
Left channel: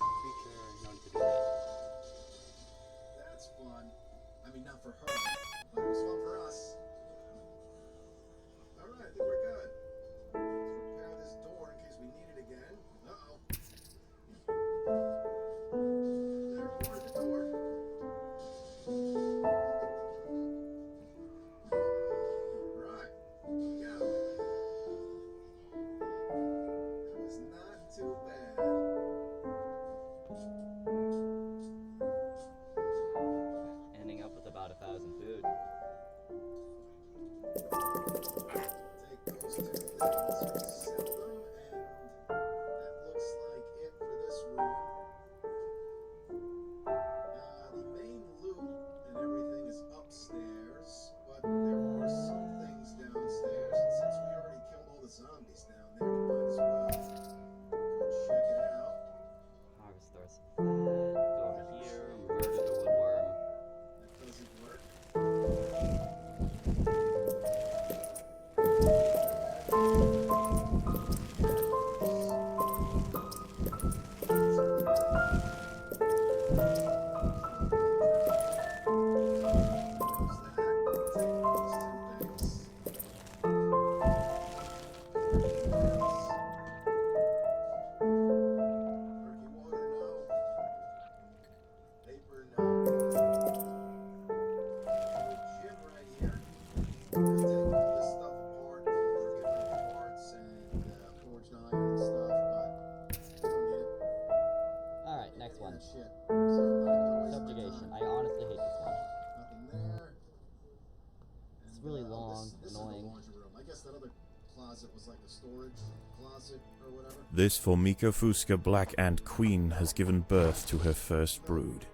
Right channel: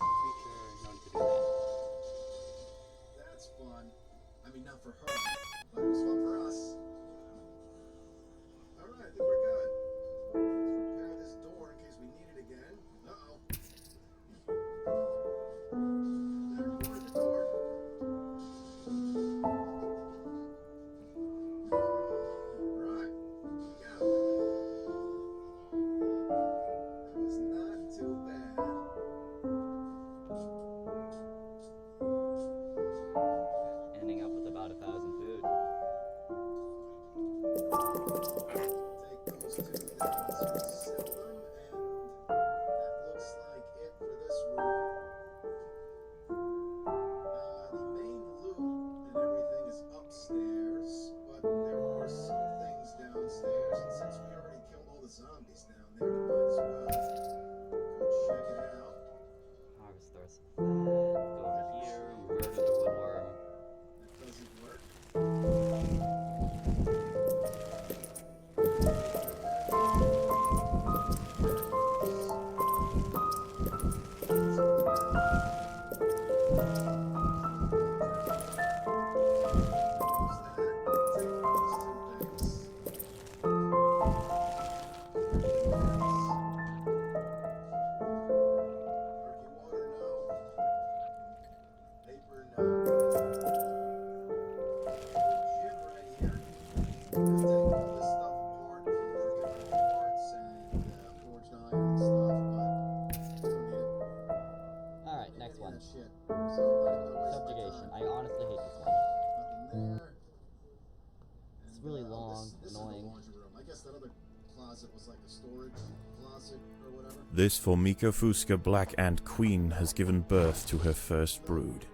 creature, no need to do that. That's fun. I mean, not for her, but it was fun for us. Alright, I think we're good. Let's repair this door in case we need it again. Uh-oh. There, more at the door. Right. Go. That was not too bad. Ending up with about 1,000 food. Take those two things, resell them, and that looks like it for this room. The main loot and everything is upstairs, but there are some things downstairs, and since we already killed all the zombies down there, we might as well go check it out. Harvest stores. Go over here, murder the woodworm. That doesn't work. Alright, next one. Shit. So I'm not even gonna waste my Subjugation. time. I honestly hate this one. Nothing there. It's And, really long, this annoying. Is the laundry room. I guess that other closet was like a storage closet or whatever. This Formica fusca black ant queen has given birth to her first brood.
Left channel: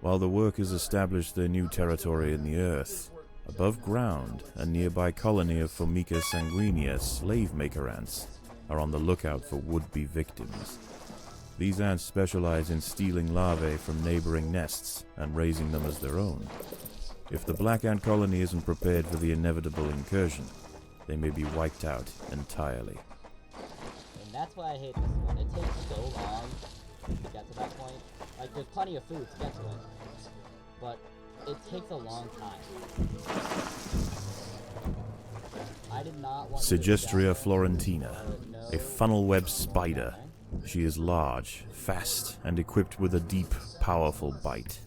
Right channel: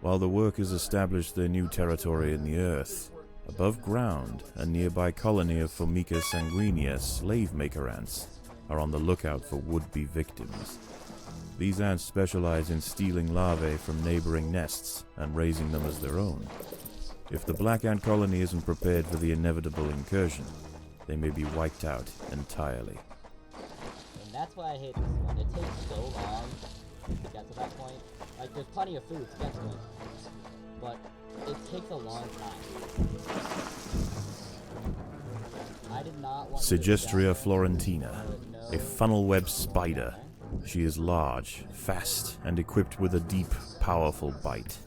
While the workers establish their new territory in the earth, above ground, a nearby colony of Formica sanguinea slave maker ants are on the lookout for would-be victims. These ants specialize in stealing larvae from neighboring nests and raising them as their own. If the black ant colony isn't prepared for the inevitable incursion, they may be wiped out entirely. And that's why I hate this one. It takes so long to get to that point. Like, there's plenty of food to get to it, but it takes a long time. I did not want to Sigistria florentina, a funnel-web spider. She is large, fast, and equipped with a deep, powerful bite.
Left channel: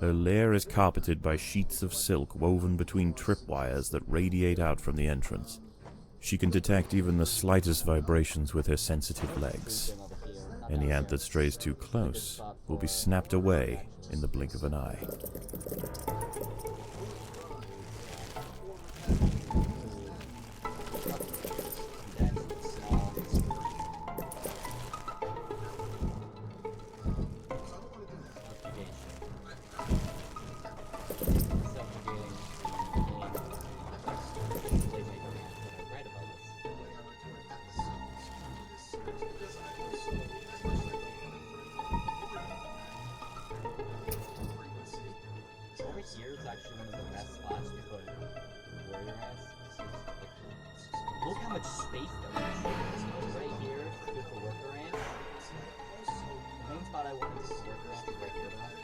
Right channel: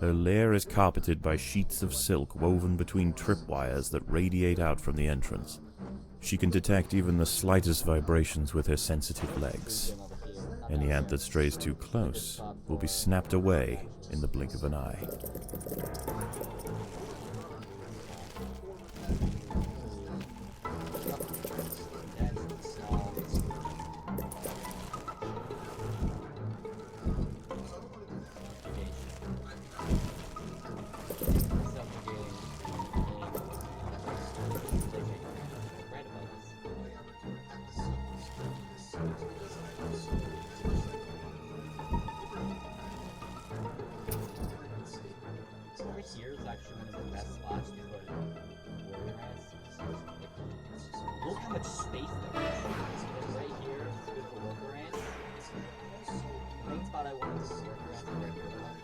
Her lair is carpeted by sheets of silk woven between tripwires that radiate out from the entrance. She can detect even the slightest vibrations with her sensitive legs. Any ant that strays too close will be snapped away in the blink of an eye. east of us. And right here is good for worker ants. The main spot I wanted to worker ants is right here though.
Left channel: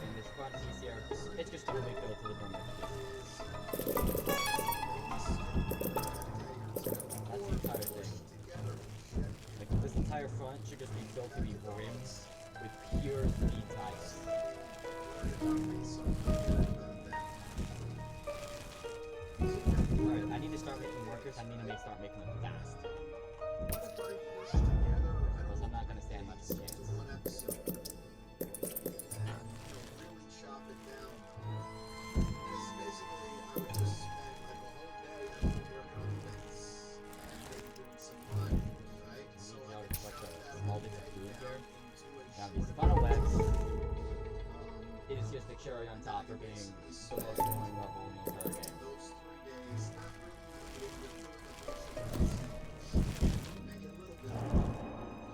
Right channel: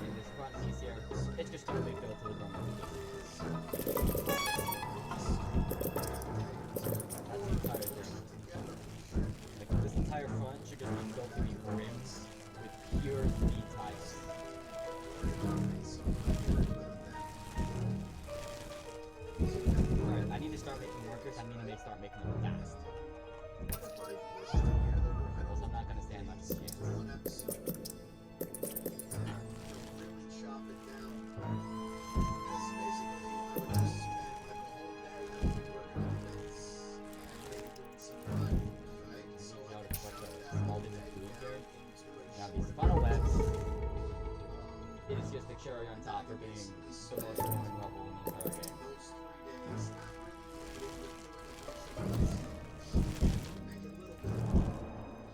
And this front piece here, it's just too big though to live on this piece. That's the entire thing. Like this entire front should just be built to be rimmed with pure speed tigers. Alright, I need to start making workers, I need to start making them fast. Because I'm not gonna stand much of a chance. Now these funnel webs is just the cherry on top for being the most annoying level in the entire game.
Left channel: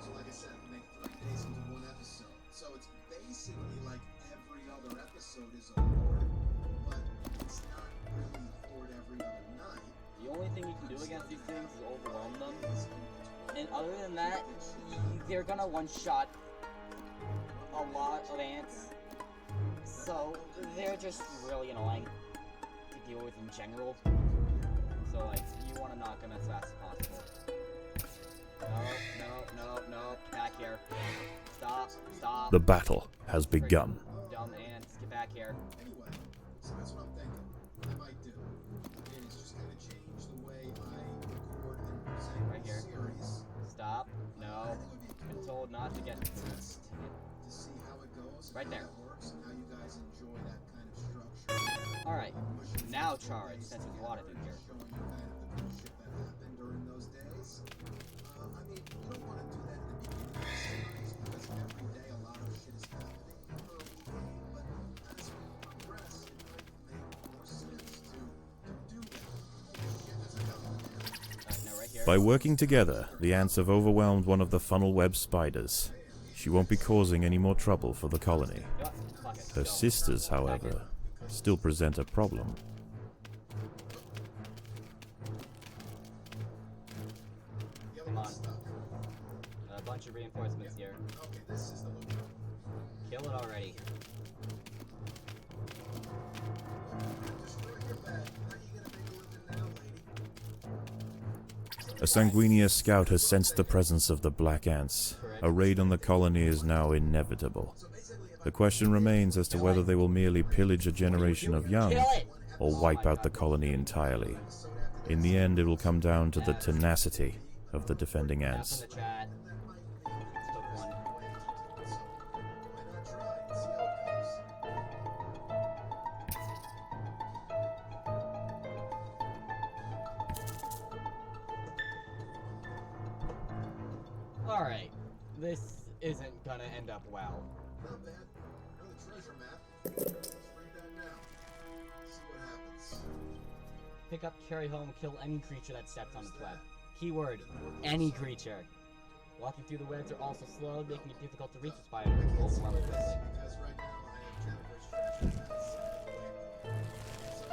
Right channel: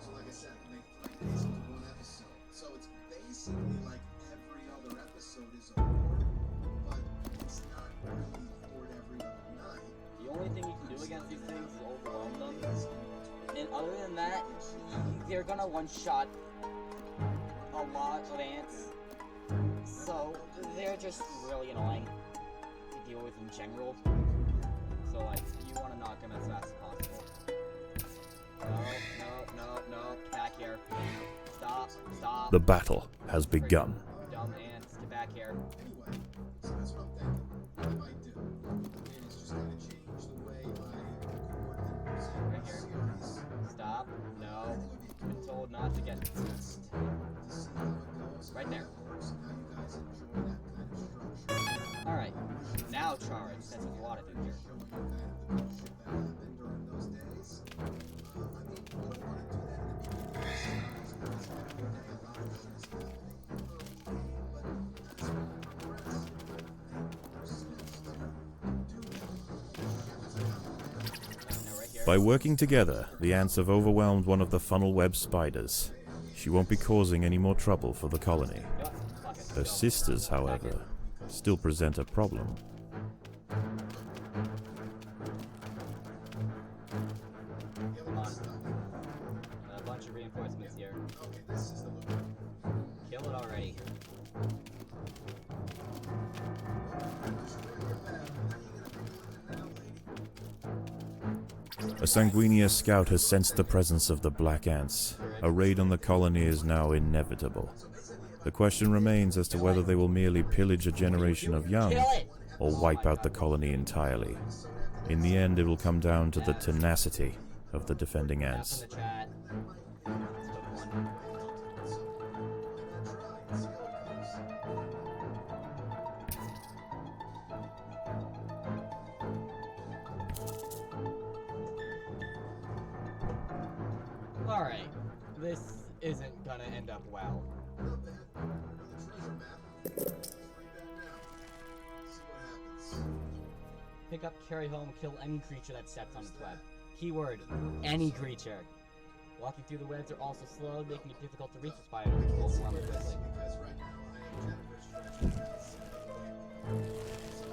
So like I said, make 3 days into one episode. So it's basically like every other episode is a horde, but it's not really horde every other night. The only thing you can do against these things is overwhelm them. And other than that, they're gonna one-shot a lot of ants. So they're just really annoying to deal with in general. So like, you want to knock them as fast as possible. No, get back here. Stop. The battle has begun. Dumb ants, get back here. Anyway, so that's what I'm thinking. What I might do is just kind of change the way I record and present Right the here. series. Stop. No. I've been told not to get... To see how it goes, Right how there. it works, and how you guys enjoy that kind of structure. Alright, now charge, since there's a lot of it here. Showing you kind of the cool shit that happened during those days. I mean, you don't want to do that in the beginning of the series because every day a lot of shit is happening in the early game, but as we progress, it might make more sense to do that. Now right here. By working together, the ants have overwhelmed one of the funnel web spiders. She won't be causing any more trouble for the colony. Yup, fuck it. Her Go. sisters, however, still present a problem. Come on. A bunch of reinforcements here. Okay, this is the loop. Kill it already. Destroy your bed. How you gonna make a living now, lady? A Sanguinia scout has sensed the presence of the black ants. A raid on the colony is now inevitable. The question remains as to whether they will merely pillage a generation of young Kill it! or wipe out the colony entirely. In the end, it will come down to the tenacity of the defending Tap ants. in the chat. Took one. Alright, this isn't gonna end up well. Not bad. Know the treasure map. Let's read that now. See what happens. Pick up, carry home, kill any creature that steps on its web. Keyword, any creature. Walking through the webs are also slow, making it difficult to reach the spider. Overwhelm it quickly. Because right now I have Jennifer's treasure map set up way. So,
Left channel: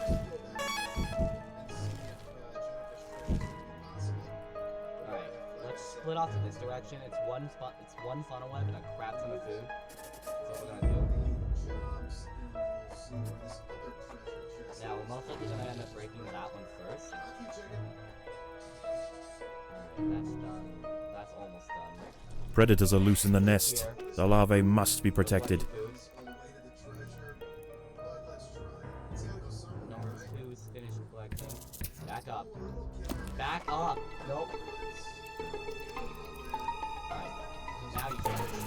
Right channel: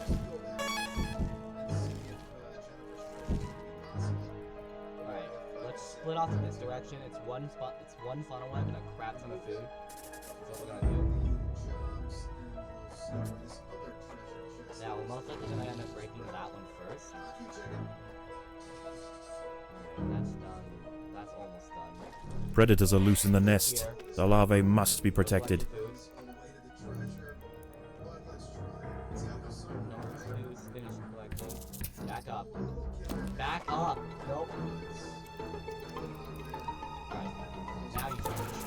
let's steal that and see if Jennifer's treasure is going to be possible. Alright, let's split off in this direction. It's one spot, it's one funnel web and a crap ton of food. That's what we're gonna do. Jobs, and we'll see where this other treasure chest Now, we're is. most likely gonna end up breaking that one first. Keep checking. Alright, that's done. That's almost done. Predators are loose in the nest. The larvae must be protected. Food. On the way to the treasure, but let's try it. It's gotta go somewhere, Number right? 2 is finished collecting. Back up. Back up! Nope. Alright, now you charge.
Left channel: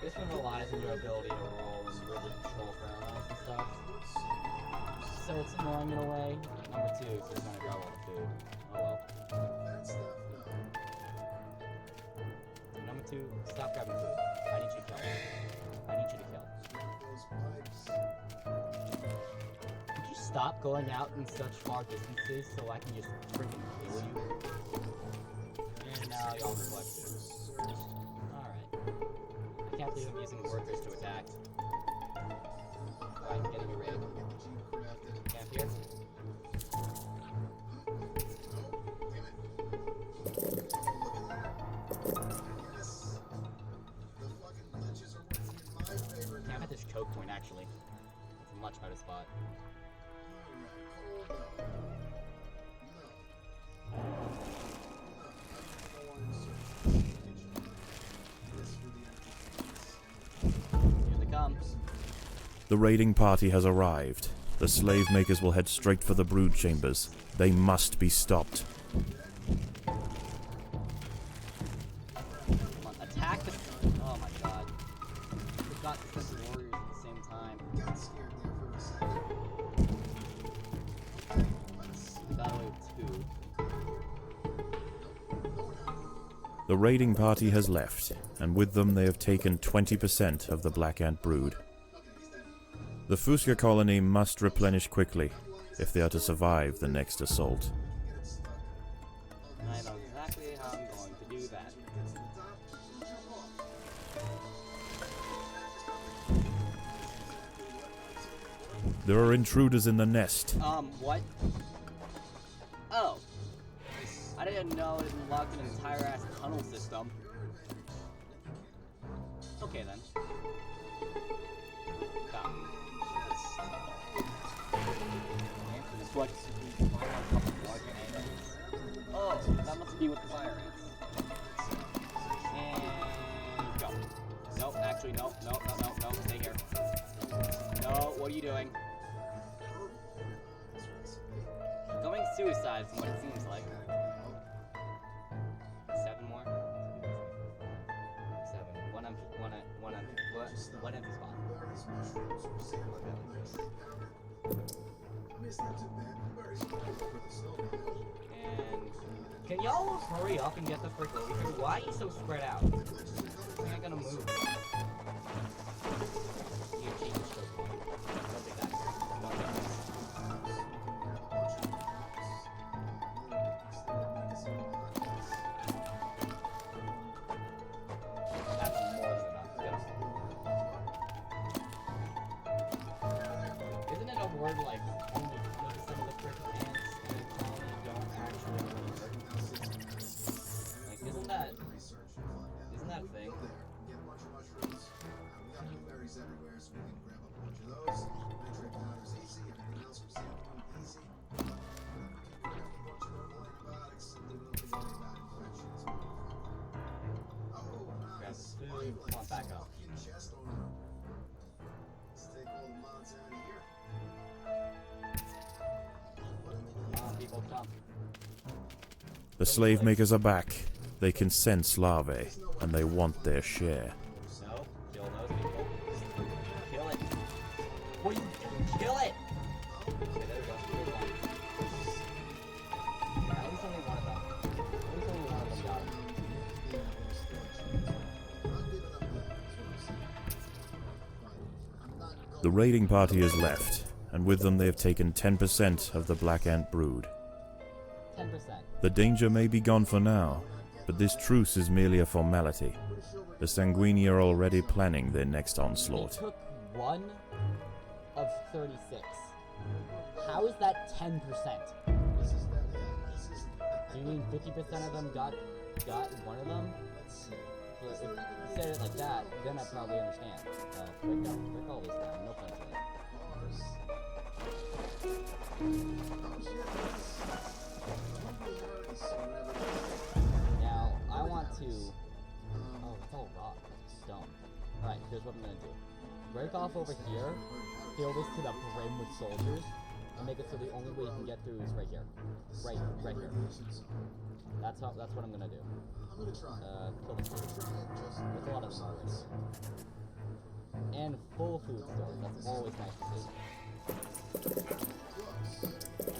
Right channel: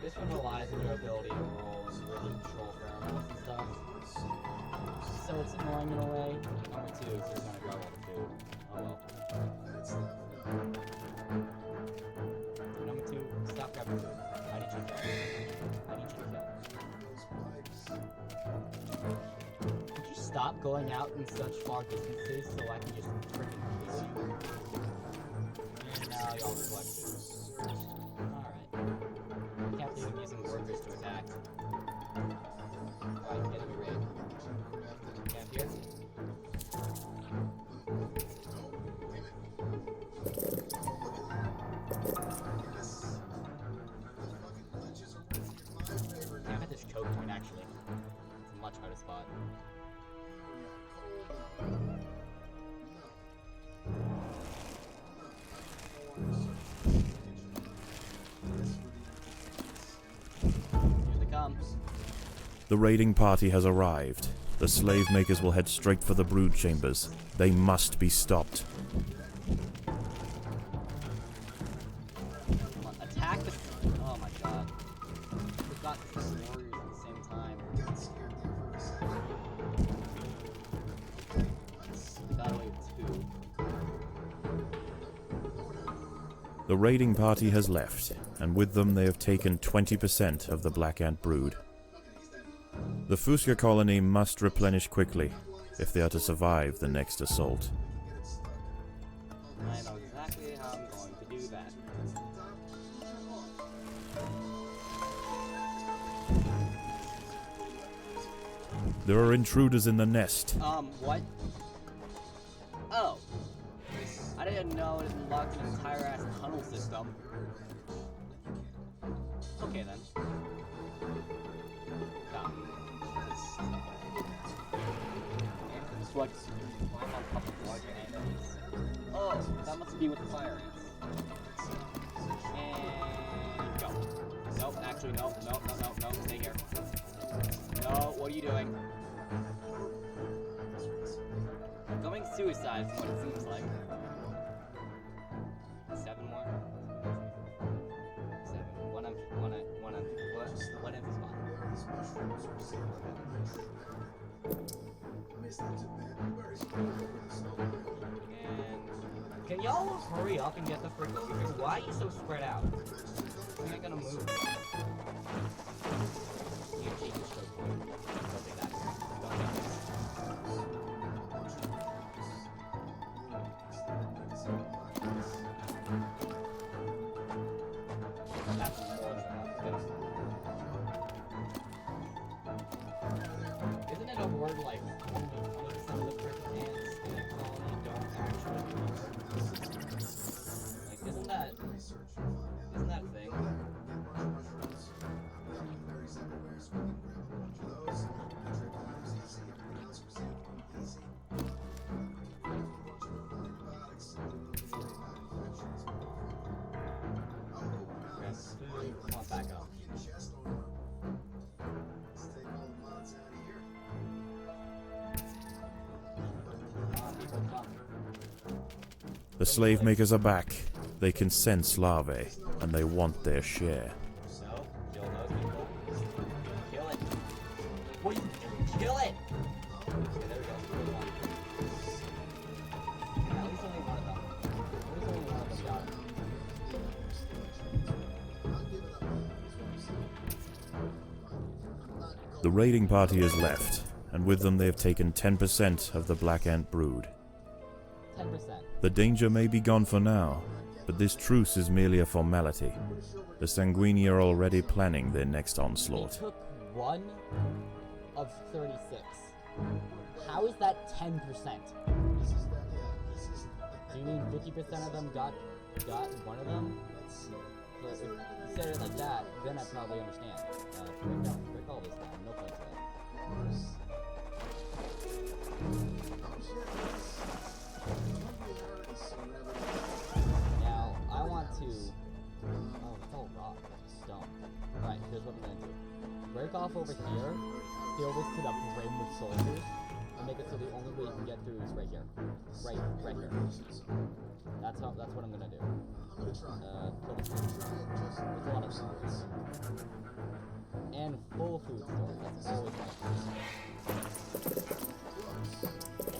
This one relies on your ability to roll and really control pheromones and stuff. So it's annoying in a way. Number 2 is just gonna grab all the food. Oh well. Bad stuff? No. Number 2, stop grabbing food. I need you to kill. I need you to kill. Those pipes. Could you stop going out in such far distances so I can just freaking kill you? And now y'all collect food. Alright. I can't believe I'm using workers to choke point, actually. It's a much harder spot. Here they come. The raiding party has arrived. The slave makers will head straight for the brood chambers. They must be stopped. Come on, attack the... Oh my god. We've got 6 warriors at the same time. Got scared there for a second. We got away with 2. The raiding party has left, and with them they have taken 20% of the Black Ant brood. The Fusca colony must replenish quickly if they are to survive the next assault. I know exactly how I'm going to do that. There are intruders in the nest. What? Oh. I didn't know it unlocked an entire ass tunnel system. Okay then. Stop. This like climb on top of larger ants. Oh, that must be with the fire ants. And go. Nope, actually no, stay here. No, what are you doing? Going suicide from what it seems like. 7 more? 7. One empty spot. And can y'all hurry up and get the frick over here? Why are you so spread out? You're not gonna move. You change the stroke point. Don't take that. Don't take this. That's more than enough. Get him. Isn't it a word like only 20% of the frick ants in a colony don't actually work? Like, isn't that a thing? Grab food, come on back up. Come on, people, come. The slave makers are back. They can sense larvae, and they want their share. So, kill those people. Kill it. What are you doing? Kill it! Okay, there we go. Good one. At least only one of them. At least only one of them got him. The raiding party has left, and with them they have taken 10% of the Black Ant brood. 10%. The danger may be gone for now, but this truce is merely a formality. The Sanguini are already planning their next We onslaught. took 1 of 36. How is that 10%? Do you mean 50% of them got one of them? So if you said it like that, then I'd probably understand. Break all this down. No point to it. Now, I want to... Oh, it's all rock. That's stone. Alright, here's what I'm gonna do. Break off over here, fill this to the brim with soldiers, and make it so the only way you can get through is right here. Right here. That's what I'm gonna do. Kill the food. There's a lot of stores. And full food stores. That's always nice to see.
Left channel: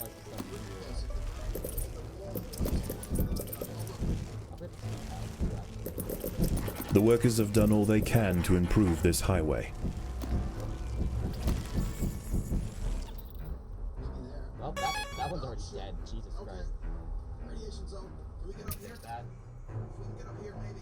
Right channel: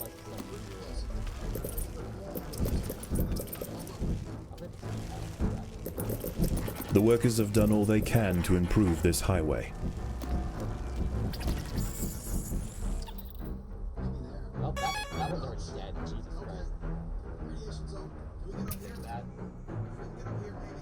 Like some The workers have done all they can to improve this highway. Well, that one's already dead. Jesus Christ. Radiation zone. Can we get up here? That. If we can get up here, maybe.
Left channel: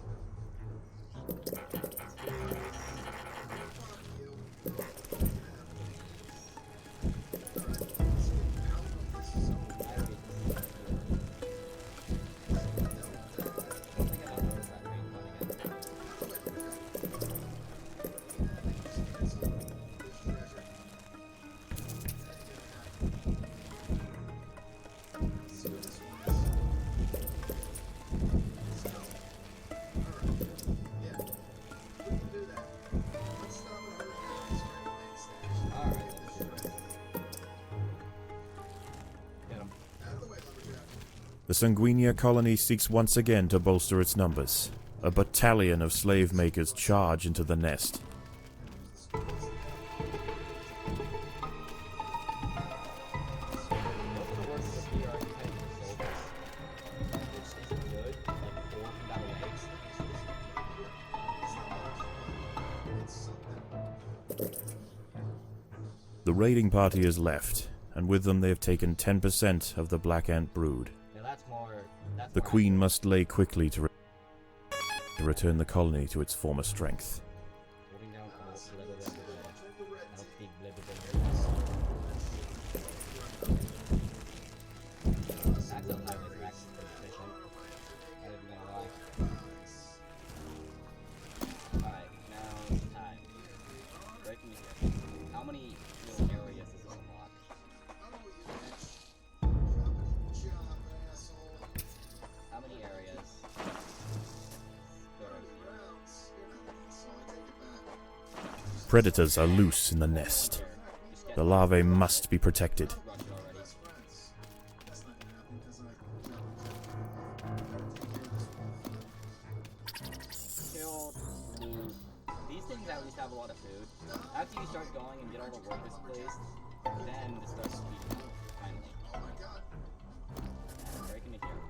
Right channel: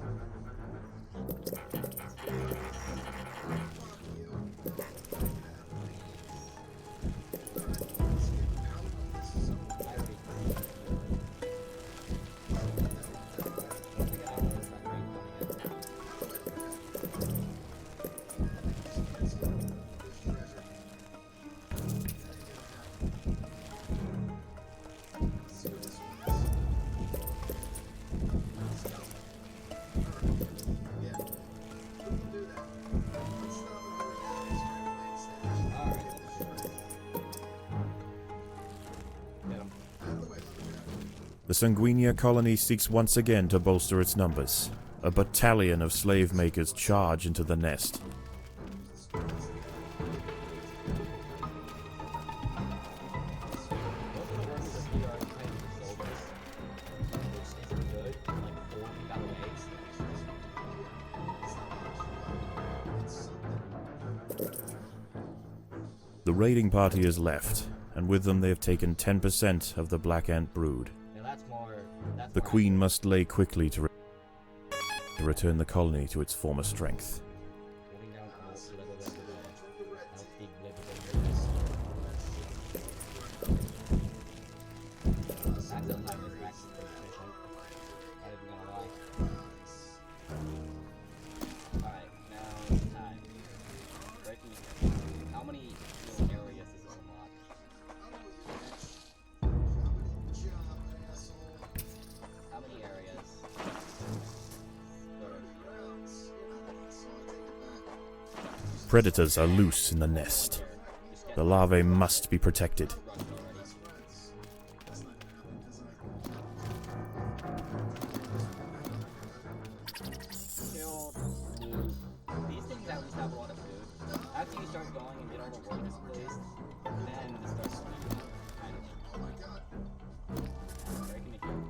Sanguinia colony seeks once again to bolster its numbers. A battalion of slave makers charge into the nest. Most of the workers up here are kind of soldiers, which isn't good. Like, 4 of them got away. The raiding party is left, and with them they have taken 10% of the Black Ant brood. Now that's more. The queen must lay quickly to return the colony to its former strength. Holding down all Max out time is max efficient. Not even gonna lie. Alright, now it's time. Break me here. How many new areas does this unlock? How many areas? Predators are loose in the nest. The larvae must be protected. Kill, loot. These things at least have a lot of food. After you start going and get all the workers placed, then this starts speeding up, finally. Oh my god. Yeah, breaking it here.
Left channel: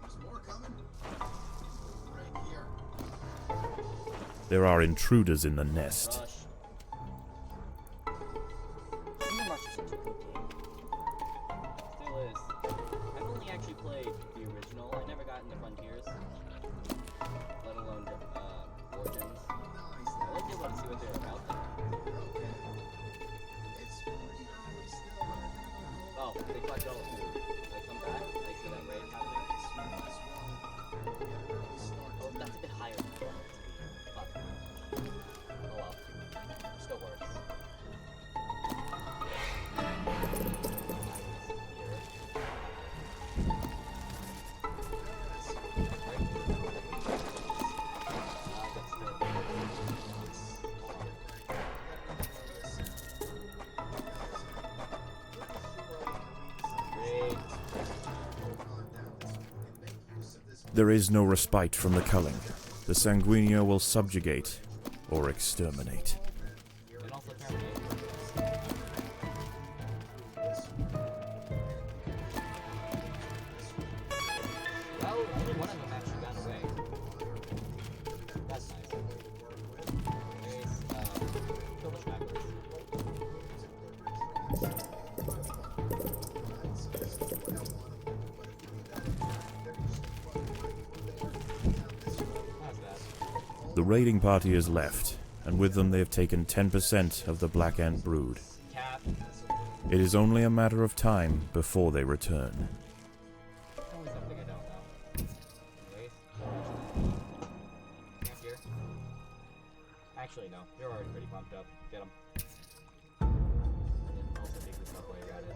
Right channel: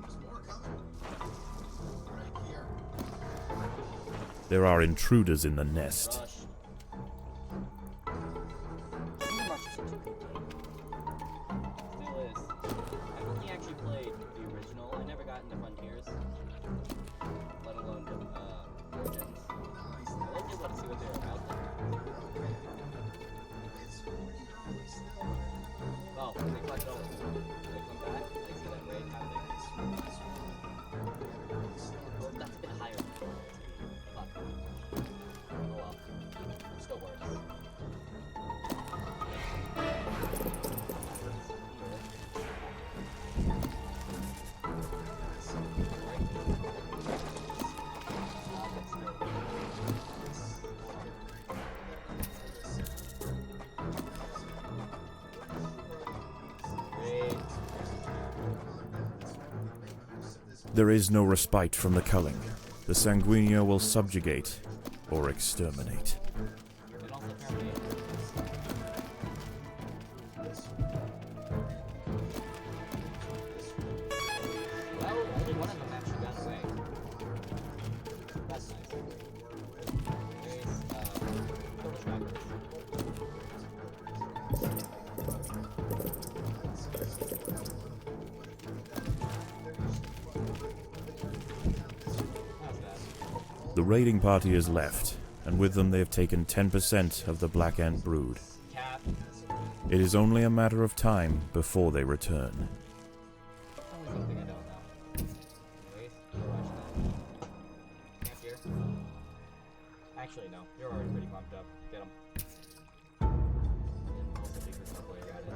There's more coming. Right here. There are intruders in the nest. Rush. Kingdom Rush is such a good game. Still is. I've only actually played the original. I never got into Frontiers. Let alone Origins. I like to be able to see what they're about though. Oh, they collect all of them. When they come back, I see that raid happening. Oh, that's a bit higher than I wanted it to be. Fuck. Oh well. Still works. There is no respite from the culling. The Sanguinia will subjugate or exterminate. And also terminate. Well, only one of them actually got away. That's nice. Anyways, kill the trackers. That's bad. The raiding party is left, and with them they have taken 10% of the Black Ant brood. Cap. It is only a matter of time before they return. Always something I don't know. Anyways, go watch that. Camp here. Actually, no. You're already pretty pumped up. Get him. And also dig this up while you're at it.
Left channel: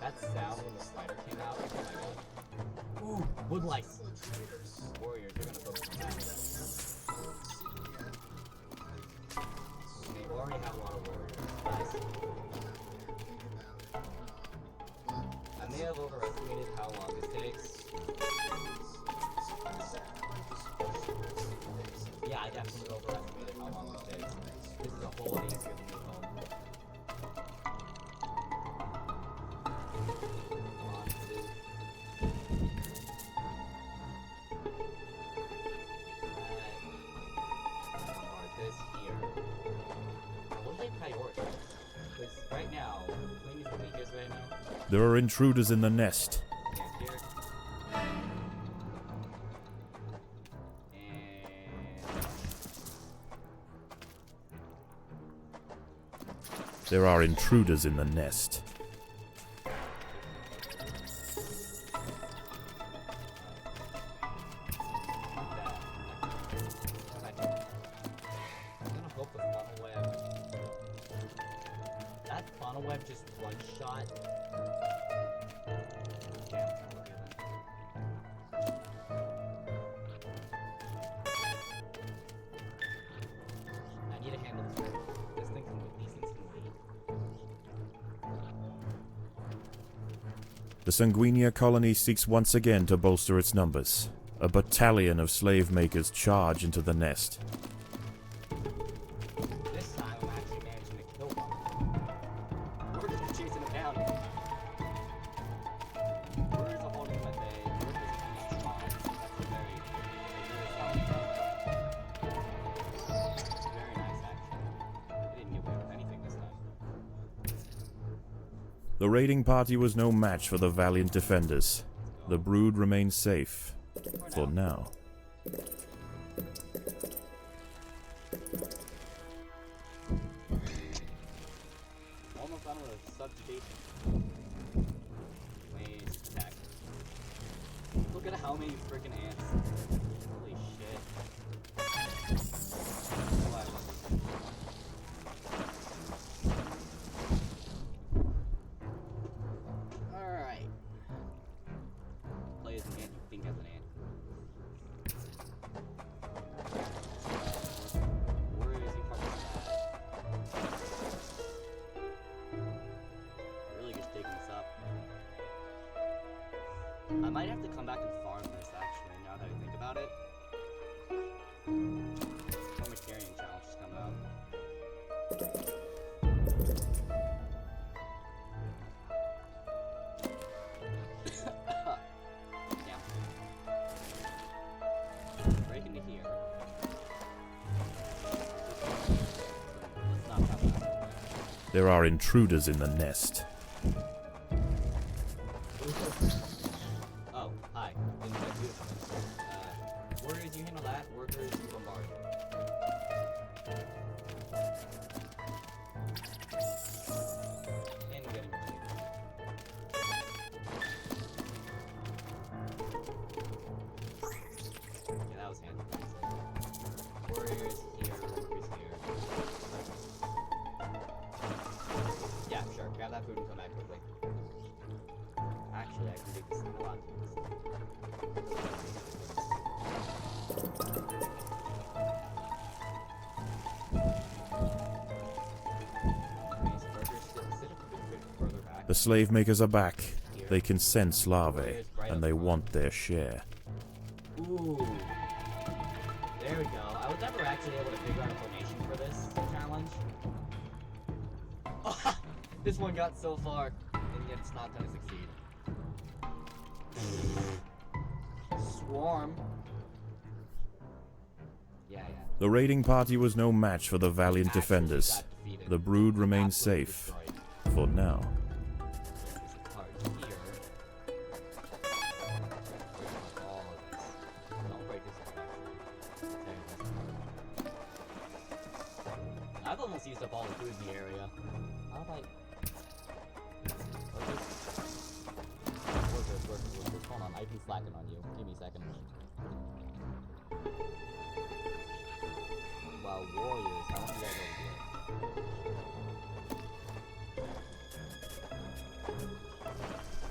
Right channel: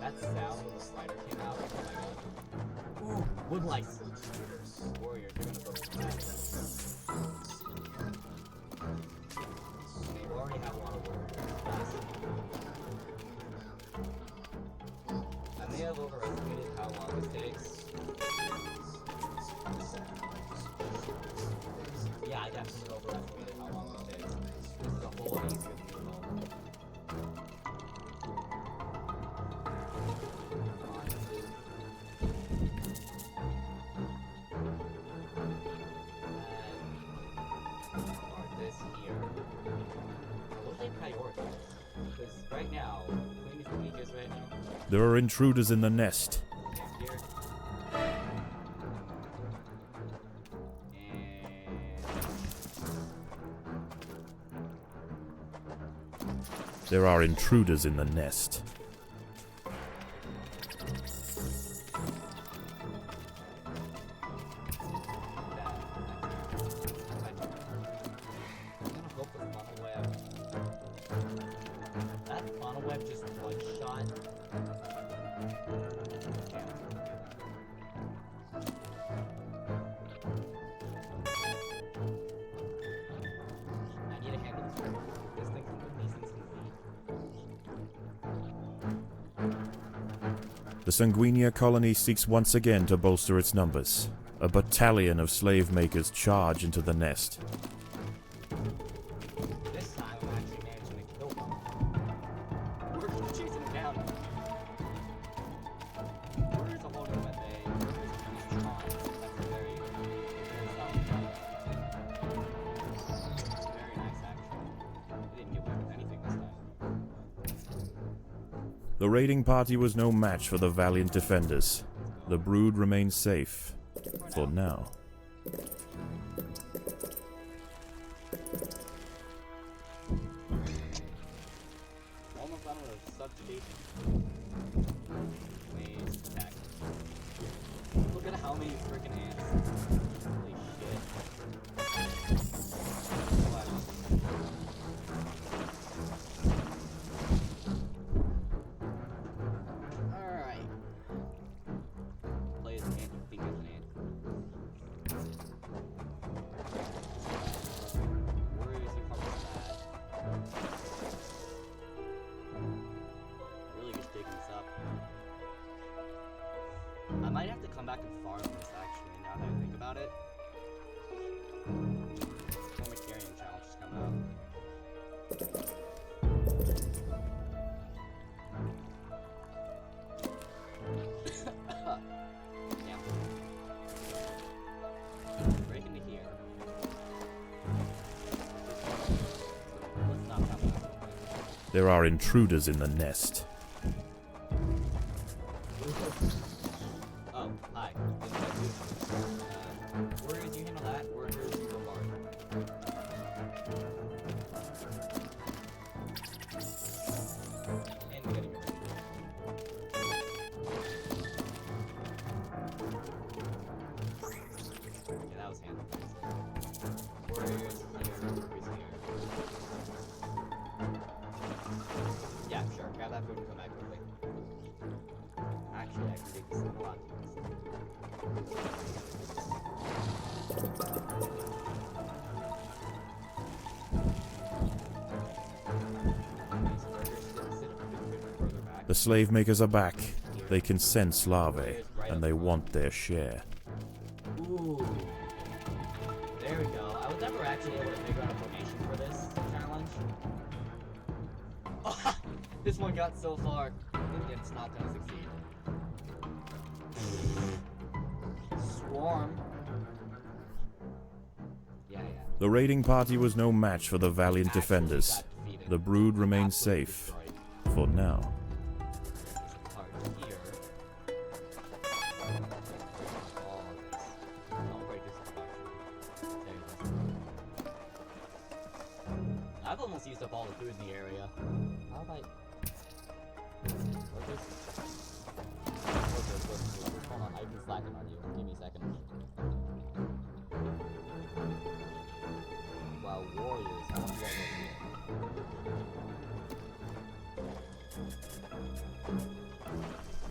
That sound when the spider came out. Oh my god. Ooh, wood lice. Warriors, you're gonna focus on that. They already have a lot of warriors. Nice. I may have overestimated how long this takes. Yeah, I definitely overestimated how long this takes. This is a whole lot easier than the home. Come on, dude. Start this here. What do they prioritize? Because right now, Queen is the weakest right now. There are intruders in the nest. Camp here. There are intruders in the nest. I'm gonna hope the funnel web. That funnel web just one shot. Damn, I need to handle this. This thing can, these things can wait. The Sanguinia colony seeks once again to bolster its numbers. A battalion of slave makers charge into the nest. This time I'm actually managing to kill them. We're just chasing them down. Warriors are holding them at bay. Workers are pretty strong. That's a very solid problem. Very nice, actually. They didn't get away with anything this time. The raiding party was no match for the valiant defenders. The brood remained safe. For now. Almost done with subjugation. Waste attack. Look at how many freaking ants. Holy shit. Alright. Play as an ant, you think as an ant. Where is he from that? Really just taking this up. I might have to come back and farm this actually, now that I think about it. Former carrying challenge is coming up. Yeah. Break into here. Let's not come back. There are intruders in the nest. Oh, hi. Didn't expect you to come. Warriors, you handle that. Workers, you bombard. And we're getting ready. Yeah, that was handled nicely. Warriors here, workers here. Yeah, sure. Grab that food and come back quickly. Actually, I can make this thing a lot easier. The slave makers are back. They can sense larvae, and they want their share. Ooh. There we go. I was never actually able to figure out a formation for this challenge. Oh, this one got so far, and yet it's not gonna succeed. Swarm. Yeah. The raiding party was no match for the valiant defenders. The brood remained safe. For now. There's a part here. All of this. Don't break this part, actually. There it is. I've almost used up all the food in the area. How about... Workers. Hold on, I've been slacking on you. Give me a second. Wow, warriors. I want you guys over here.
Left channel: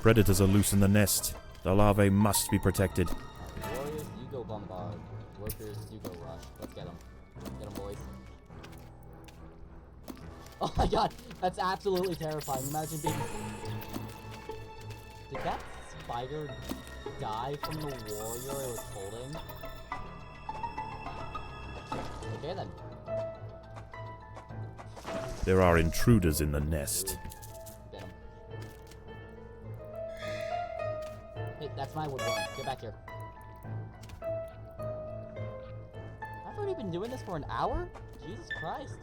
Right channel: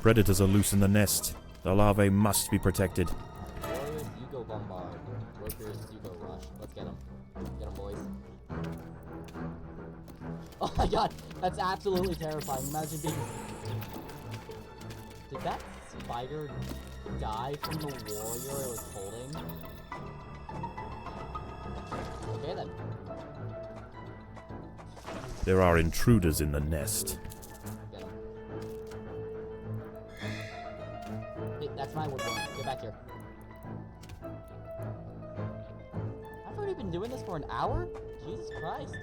Predators are loose in the nest. The larvae must be protected. Alright, warriors, you go bombard. Workers, you go rush. Let's get them. Get them, boys. Oh my god, that's absolutely terrifying. Imagine being... Did that spider die from the warrior it was holding? Okay then. There are intruders in the nest. Get him. Hey, that's my woodworm. Get back here. I've already been doing this for an hour? Jesus Christ.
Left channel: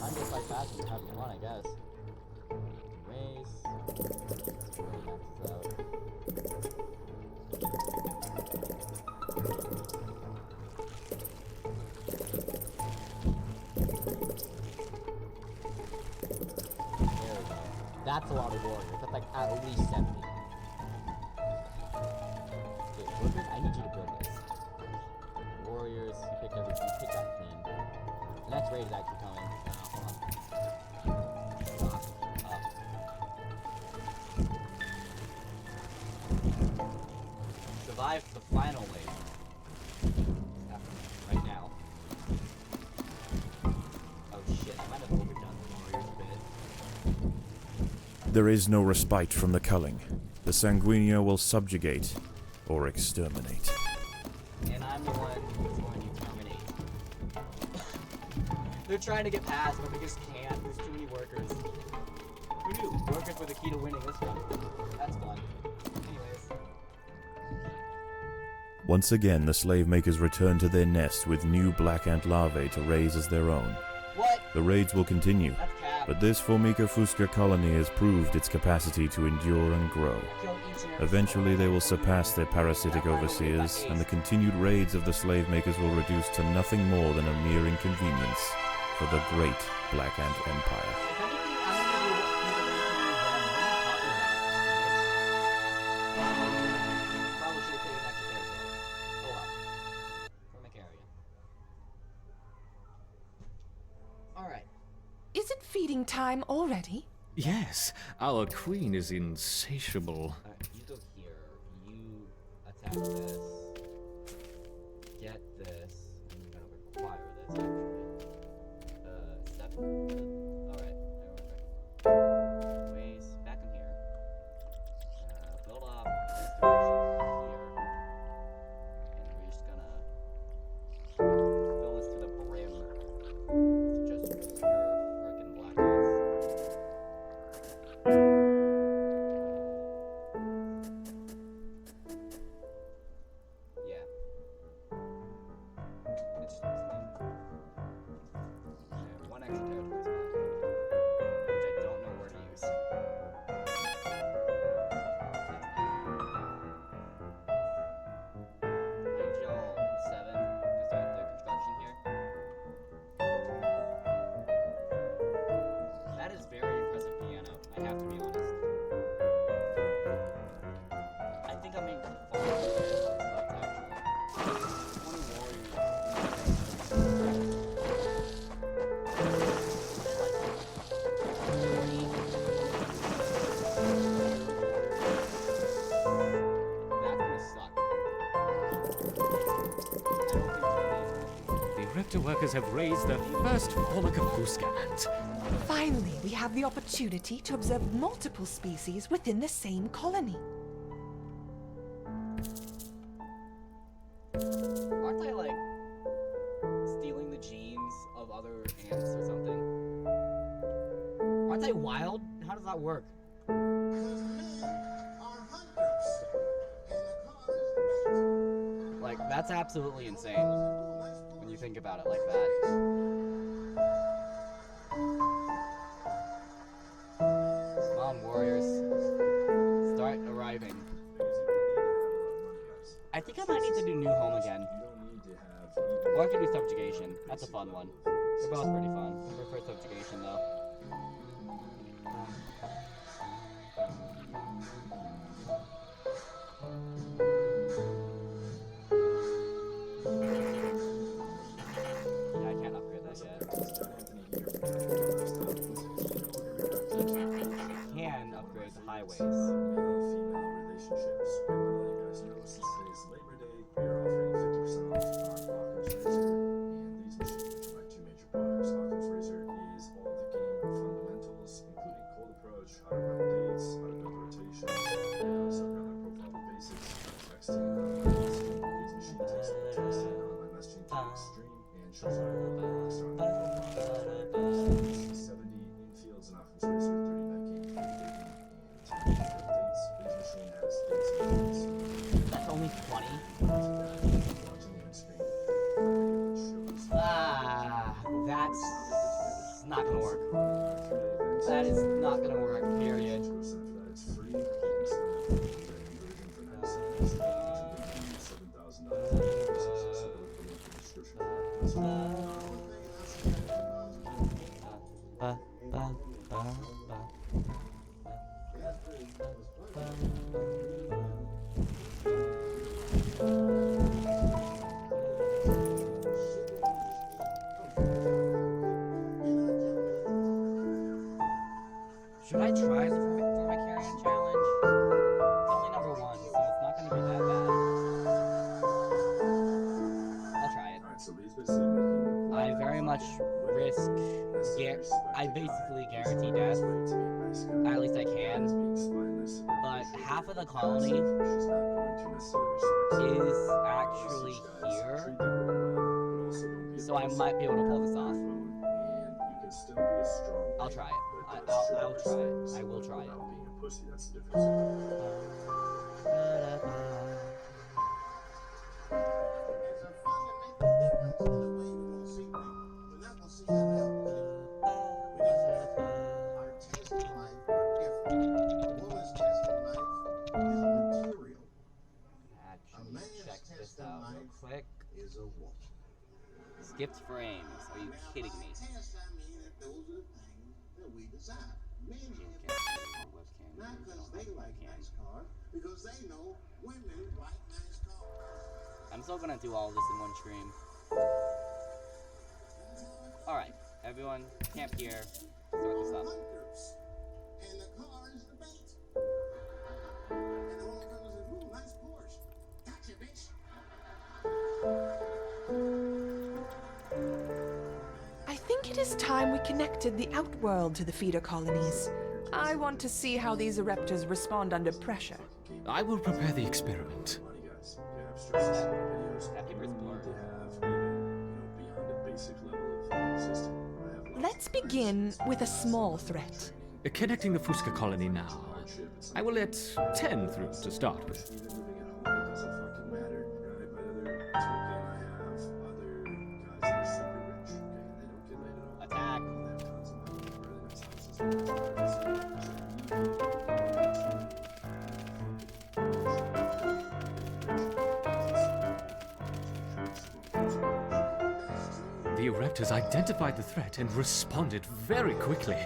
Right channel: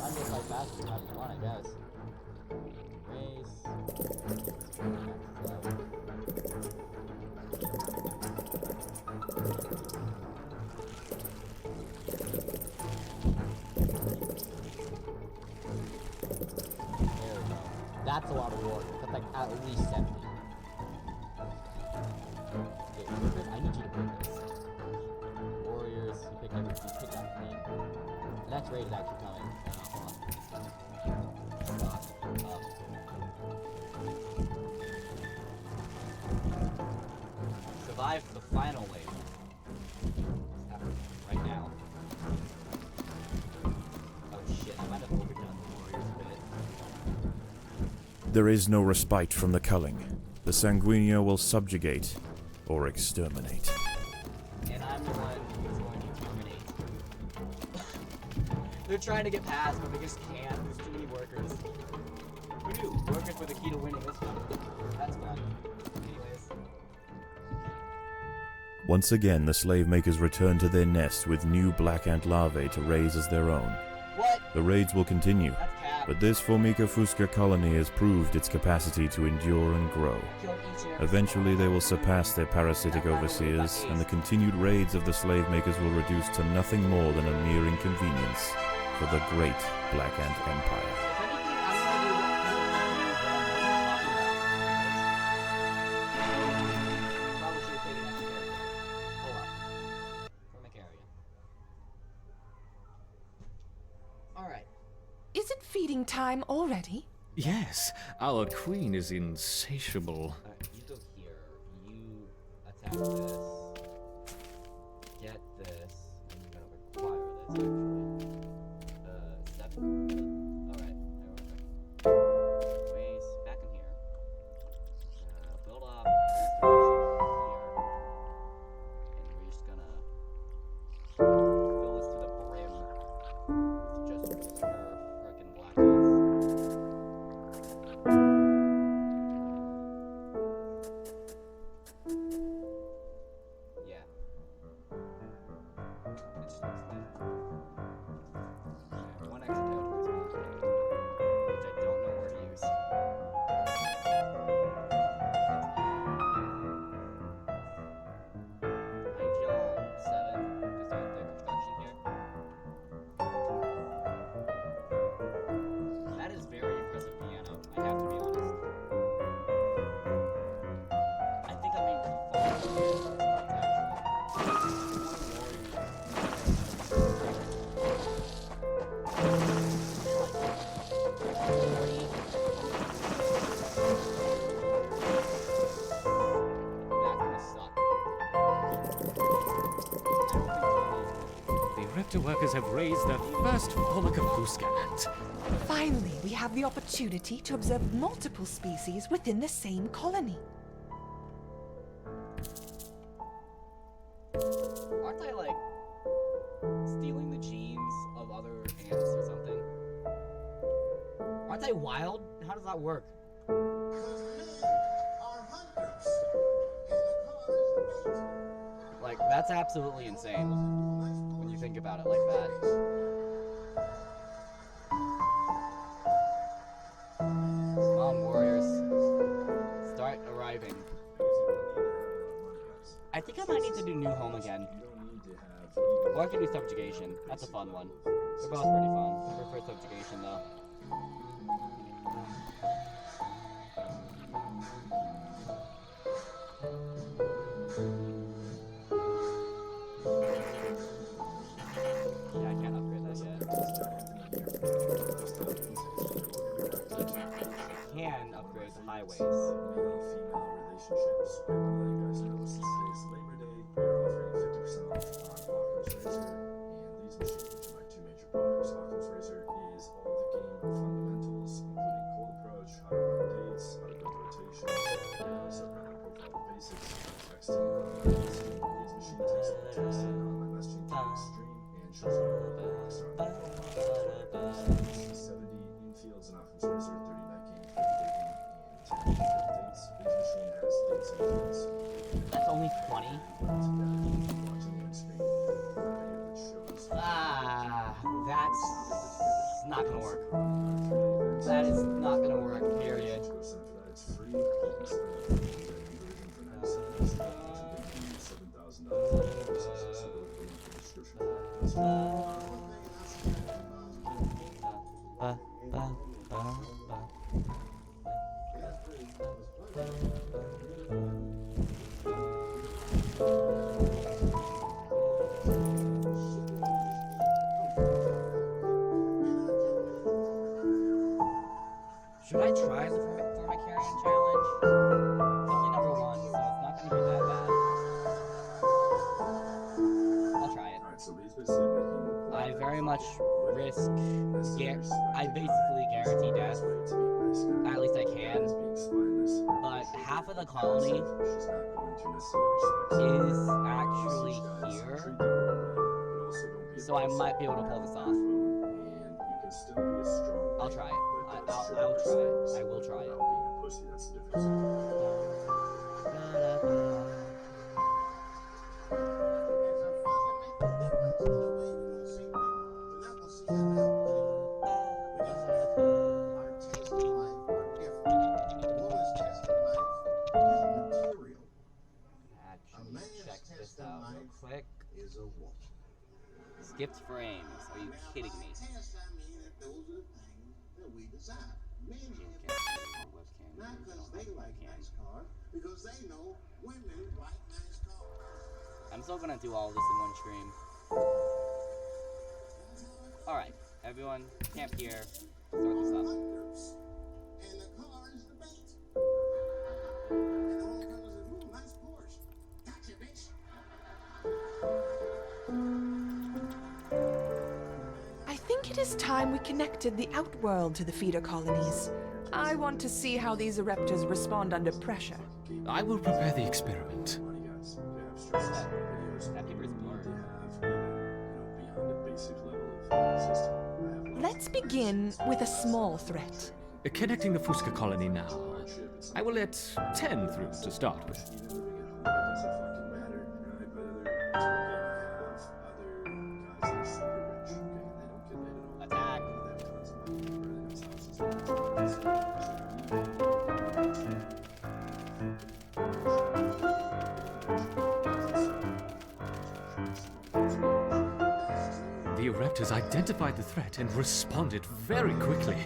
I'm just like fast and having fun, I guess. Raise. Max out. There we go. That's a lot of warriors. That's like at least 70. Okay, workers, I need you to build this. Warriors, you picked that clean. The next raid is actually coming. Hold on. Stock up. Survive the final wave. Right now. Oh shit, I might have overdone the warriors a bit. There is no respite from the culling. the Sanguinio will subjugate or exterminate. And I'm the one who's going to terminate. They're trying to get past, but they just can't. There's too many workers. Who knew? Workers were the key to winning this one. That's fun. Anyways. Once again, the slave makers return to their nest with new black ant larvae to raise as their own. What? The raids will continue, That's cap. but this Formica Fusca colony has proved its capacity to endure and grow. Killed each and every Eventually, they will single surpass their parasitic overseers, and the continued raids of the slave makers will reduce to nothing more than a mere inconvenience for the great Black Ant Empire. If anything, I'm gonna do what people are talking about. Probably should have taken that character. Oh well. Formicaria. Alright. Is it feeding time already? Yes, our queen is insatiable. You go here. You attack this. Get this. And you're gonna require this actually. 7? Alright. Ways back in here. Build up this direction here. And we're just gonna fill this to the brim with just pure frickin' black ice. Yeah. It just looks neat. I have one extra territory spot, which I don't know where to use. I need y'all 7 to start the construction here. That is very impressive piano, I have to be honest. I think I'm in control of this actually. 20 warriors. That's gonna suck. I don't think 20 The Reptar workers have raised their first Formica Fusca ant. Finally, we have the opportunity to observe multiple species within the same colony. Aren't I like stealing the genes of other ants or something? Aren't I wild? How does that work? Like, that's absolutely insane when you think about it like that. Come on, warriors. Start arriving. I think I might need to do New Home again. Or I could do Subjugation. That's a fun one. They're both pretty fun. I prefer Subjugation though. Yeah, I can't upgrade that yet. Can upgrade the highways. Male-female relationships. I want to let you guys know, since today is Labor Day, we are offering 50% off on Occam's Razor and Lee's Machine, which are my two major products. Occam's Razor is all the game fundamentals, including cold approach, how to run dates, how to build rotations, and also run my profile the basics, texting on my messaging. Lee's Machine takes all the texting on my messaging to the extreme and shows you how to build rocks on my profile. 70 infields in Occam's Razor, 30 night game, 30 day game, and 10 field dates. Lee's Machine has dates and dates. That's only 20? Watching the screen, which shows Ah, that's not gonna work. That is not gonna work, period. It's free. You can sign up for the conversion for $97. Should I try the Formicarian challenge? It's only number 1, so it's not gonna be that bad. I'll try it. Alright, so Lee's basically making I very much risk, I basically guarantee death. At least I can. But half of the colony is actually here. So I might be able to pull this off. I'll try it. I'll try it. I will try it. Actually, check this out real quick. Skipped frames. Are you kidding me? I'm still gonna do all this in one stream. Alright, everyone, camp here. Start this up. And the car is the bait. And the whole comes in, ooh, nice Porsche. Gotcha, bitch. I think it is time we connected the outworld to the feeder colonies. I want to see how these eruptors respond under pressure. I will prepare the experiment. That paper is blurred. Let's begin with a small threat. Connecting the Fusca colony now. I will let 10 through to start with. Attack. The Eruptors identified the threat and responded very quickly.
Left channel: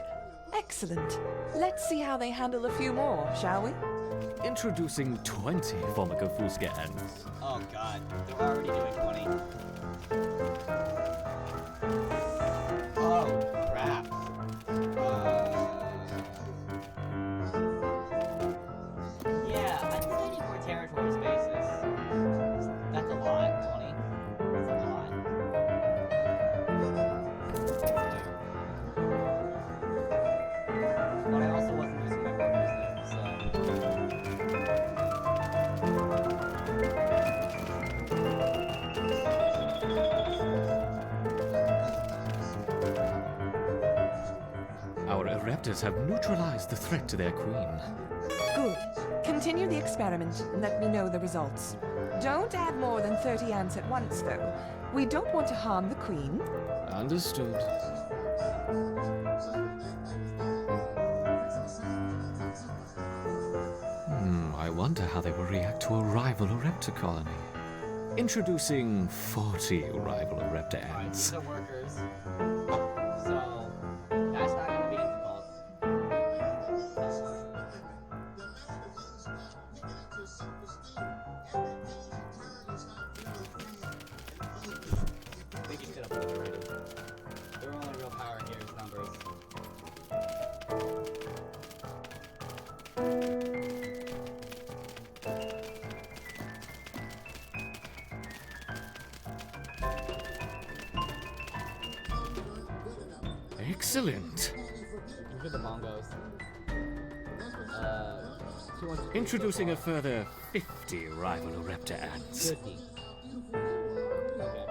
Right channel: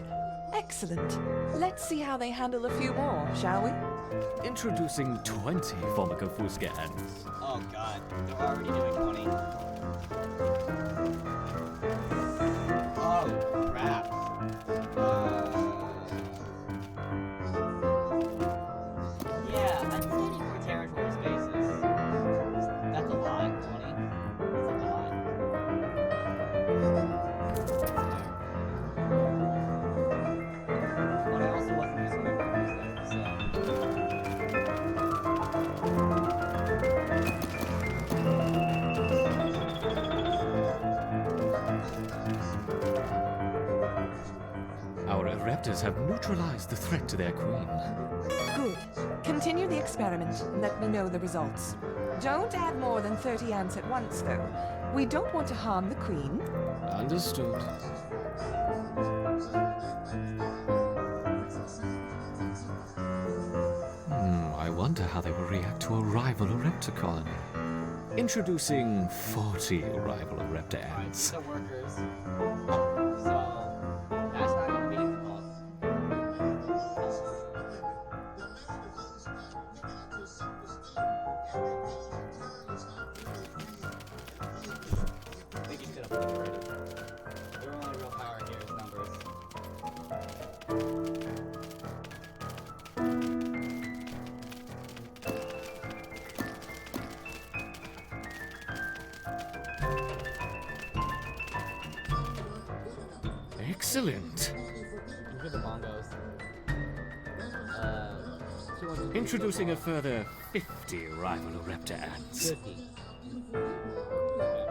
Excellent. Let's see how they handle a few more, shall we? Introducing 20 Formica Fusca ants. Oh god, they're already doing 20. Oh, crap. Yeah, I think I need more territory spaces. That's a lot, 20. That's a lot. But I also wasn't using my workers there, so... Our Eruptors have neutralized the threat to their queen. Good. Continue the experiment and let me know the results. Don't add more than 30 ants at once, though. We don't want to harm the queen. Understood. I wonder how they will react to a rival Eruptor colony. Introducing 40 rival Eruptor Alright, ants. these are workers. So, that's not gonna be difficult. I think you should have obliterated. Their only real power here is numbers. Excellent. These are the bongos. 200 Introducing a further 50 rival Eruptor ants. 50. Okay.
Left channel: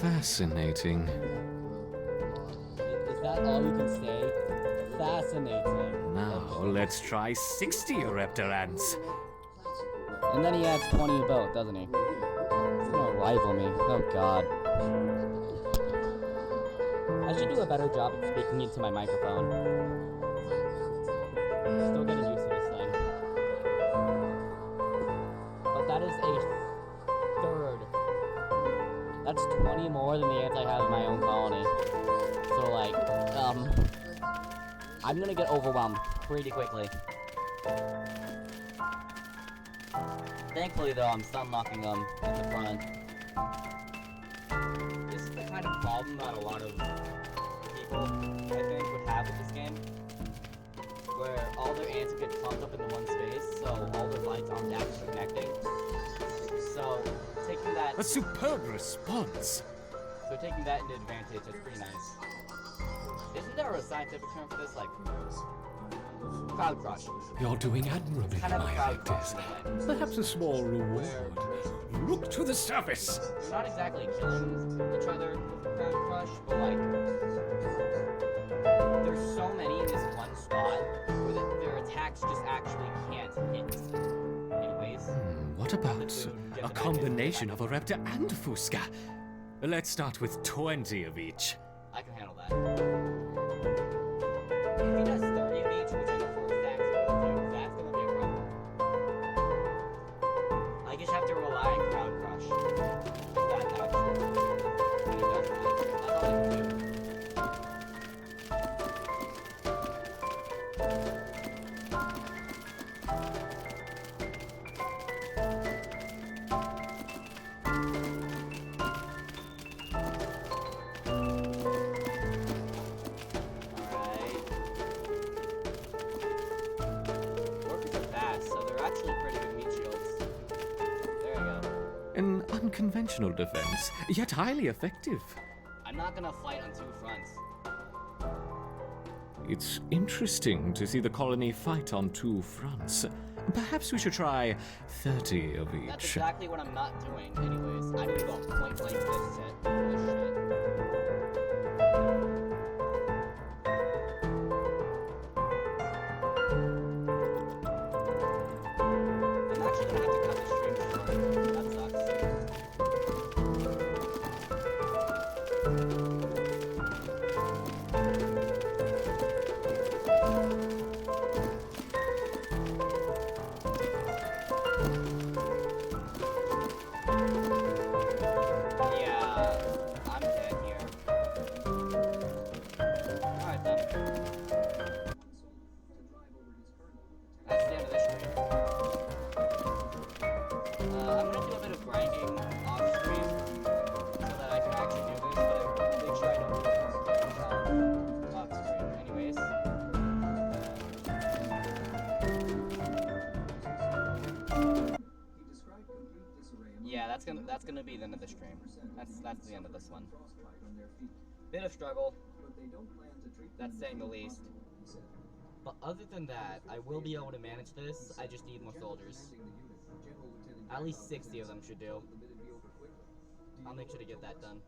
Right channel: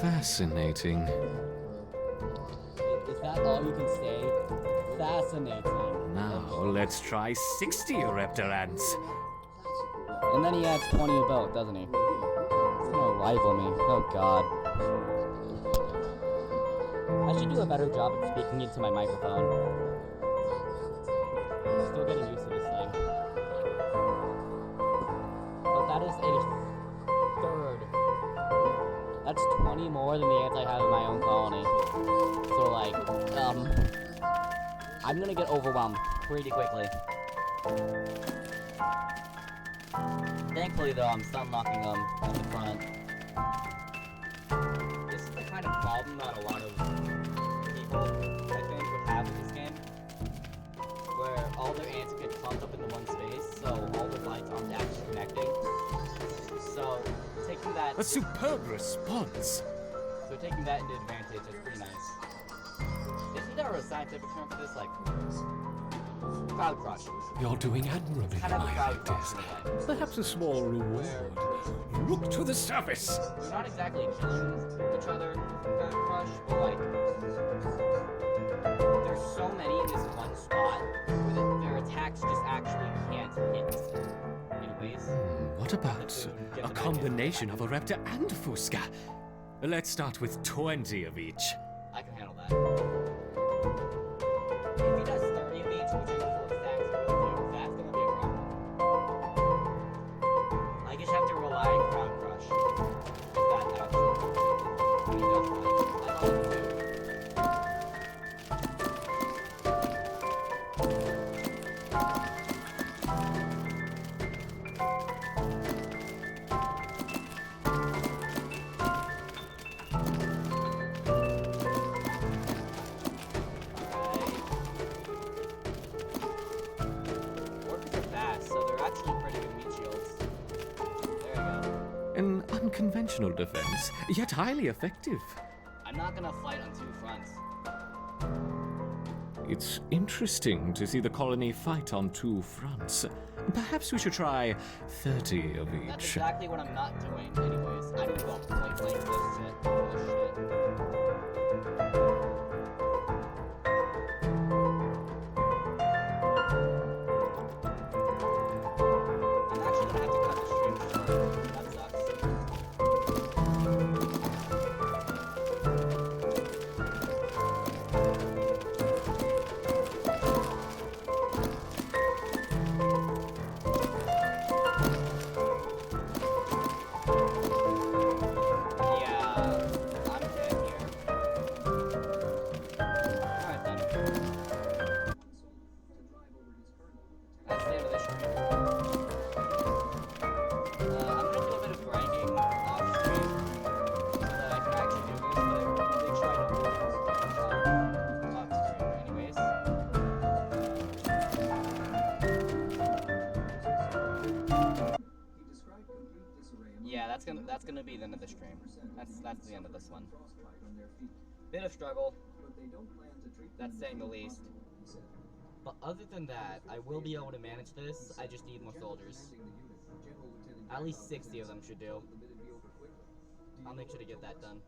Fascinating. Is that all you can say? Fascinating. Now let's try 60 Eruptor ants. And then he adds 20 a boat, doesn't he? He's gonna rival me. Oh god. I should do a better job at speaking into my microphone. Still getting used to this thing. But that is a third. That's 20 more than the ants I have in my own colony. So, like, I'm gonna get overwhelmed pretty quickly. Thankfully, though, I'm stun locking them in the front. This is the kind of problem that a lot of people, I think, would have with this game. Where all their ants get clumped up into one space, so all their lights aren't actually connecting. So, taking that... A superb response! So taking that into advantage, that's pretty nice. Isn't there a scientific term for this? Like, crowd crush. You're doing admirably, Kind of a my crowd crush Hectors. in a way. Perhaps a small reward. Look to the surface! They're not exactly killing each other with crowd crush, but like, there's so many in this one spot where their attacks just actually can't hit. Anyways. What about a combination of a raptor and a Fusca? Let's start with 20 of each. I can handle that. If he does 30 of each, which I know for a fact he will do, that's gonna be a problem. I just have to rely on crowd crush. If that actually when he does that. That's all I can do. So they're actually pretty good meat shields. There you go. An unconventional defense, yet highly effective. I'm not gonna fight on two fronts. It's interesting to see the colony fight on two fronts. Perhaps we should try 30 of each. That's exactly what I'm not doing, anyways. I'm gonna go point blank this shit. I'm actually gonna have to cut the stream short. That sucks. Yeah, I'm dead here. Alright then. That's the end of this stream. I'm gonna do a bit of grinding off stream so that I can actually do this, but I make sure I don't do it off stream. Anyways. Yeah, that's gonna be the end of the stream. That's the end of this one. Bit of struggle. That's saying the least. But other than that, I will be able to manage this. I just need more soldiers. At least 60 of them should do. I'll make sure to get that done.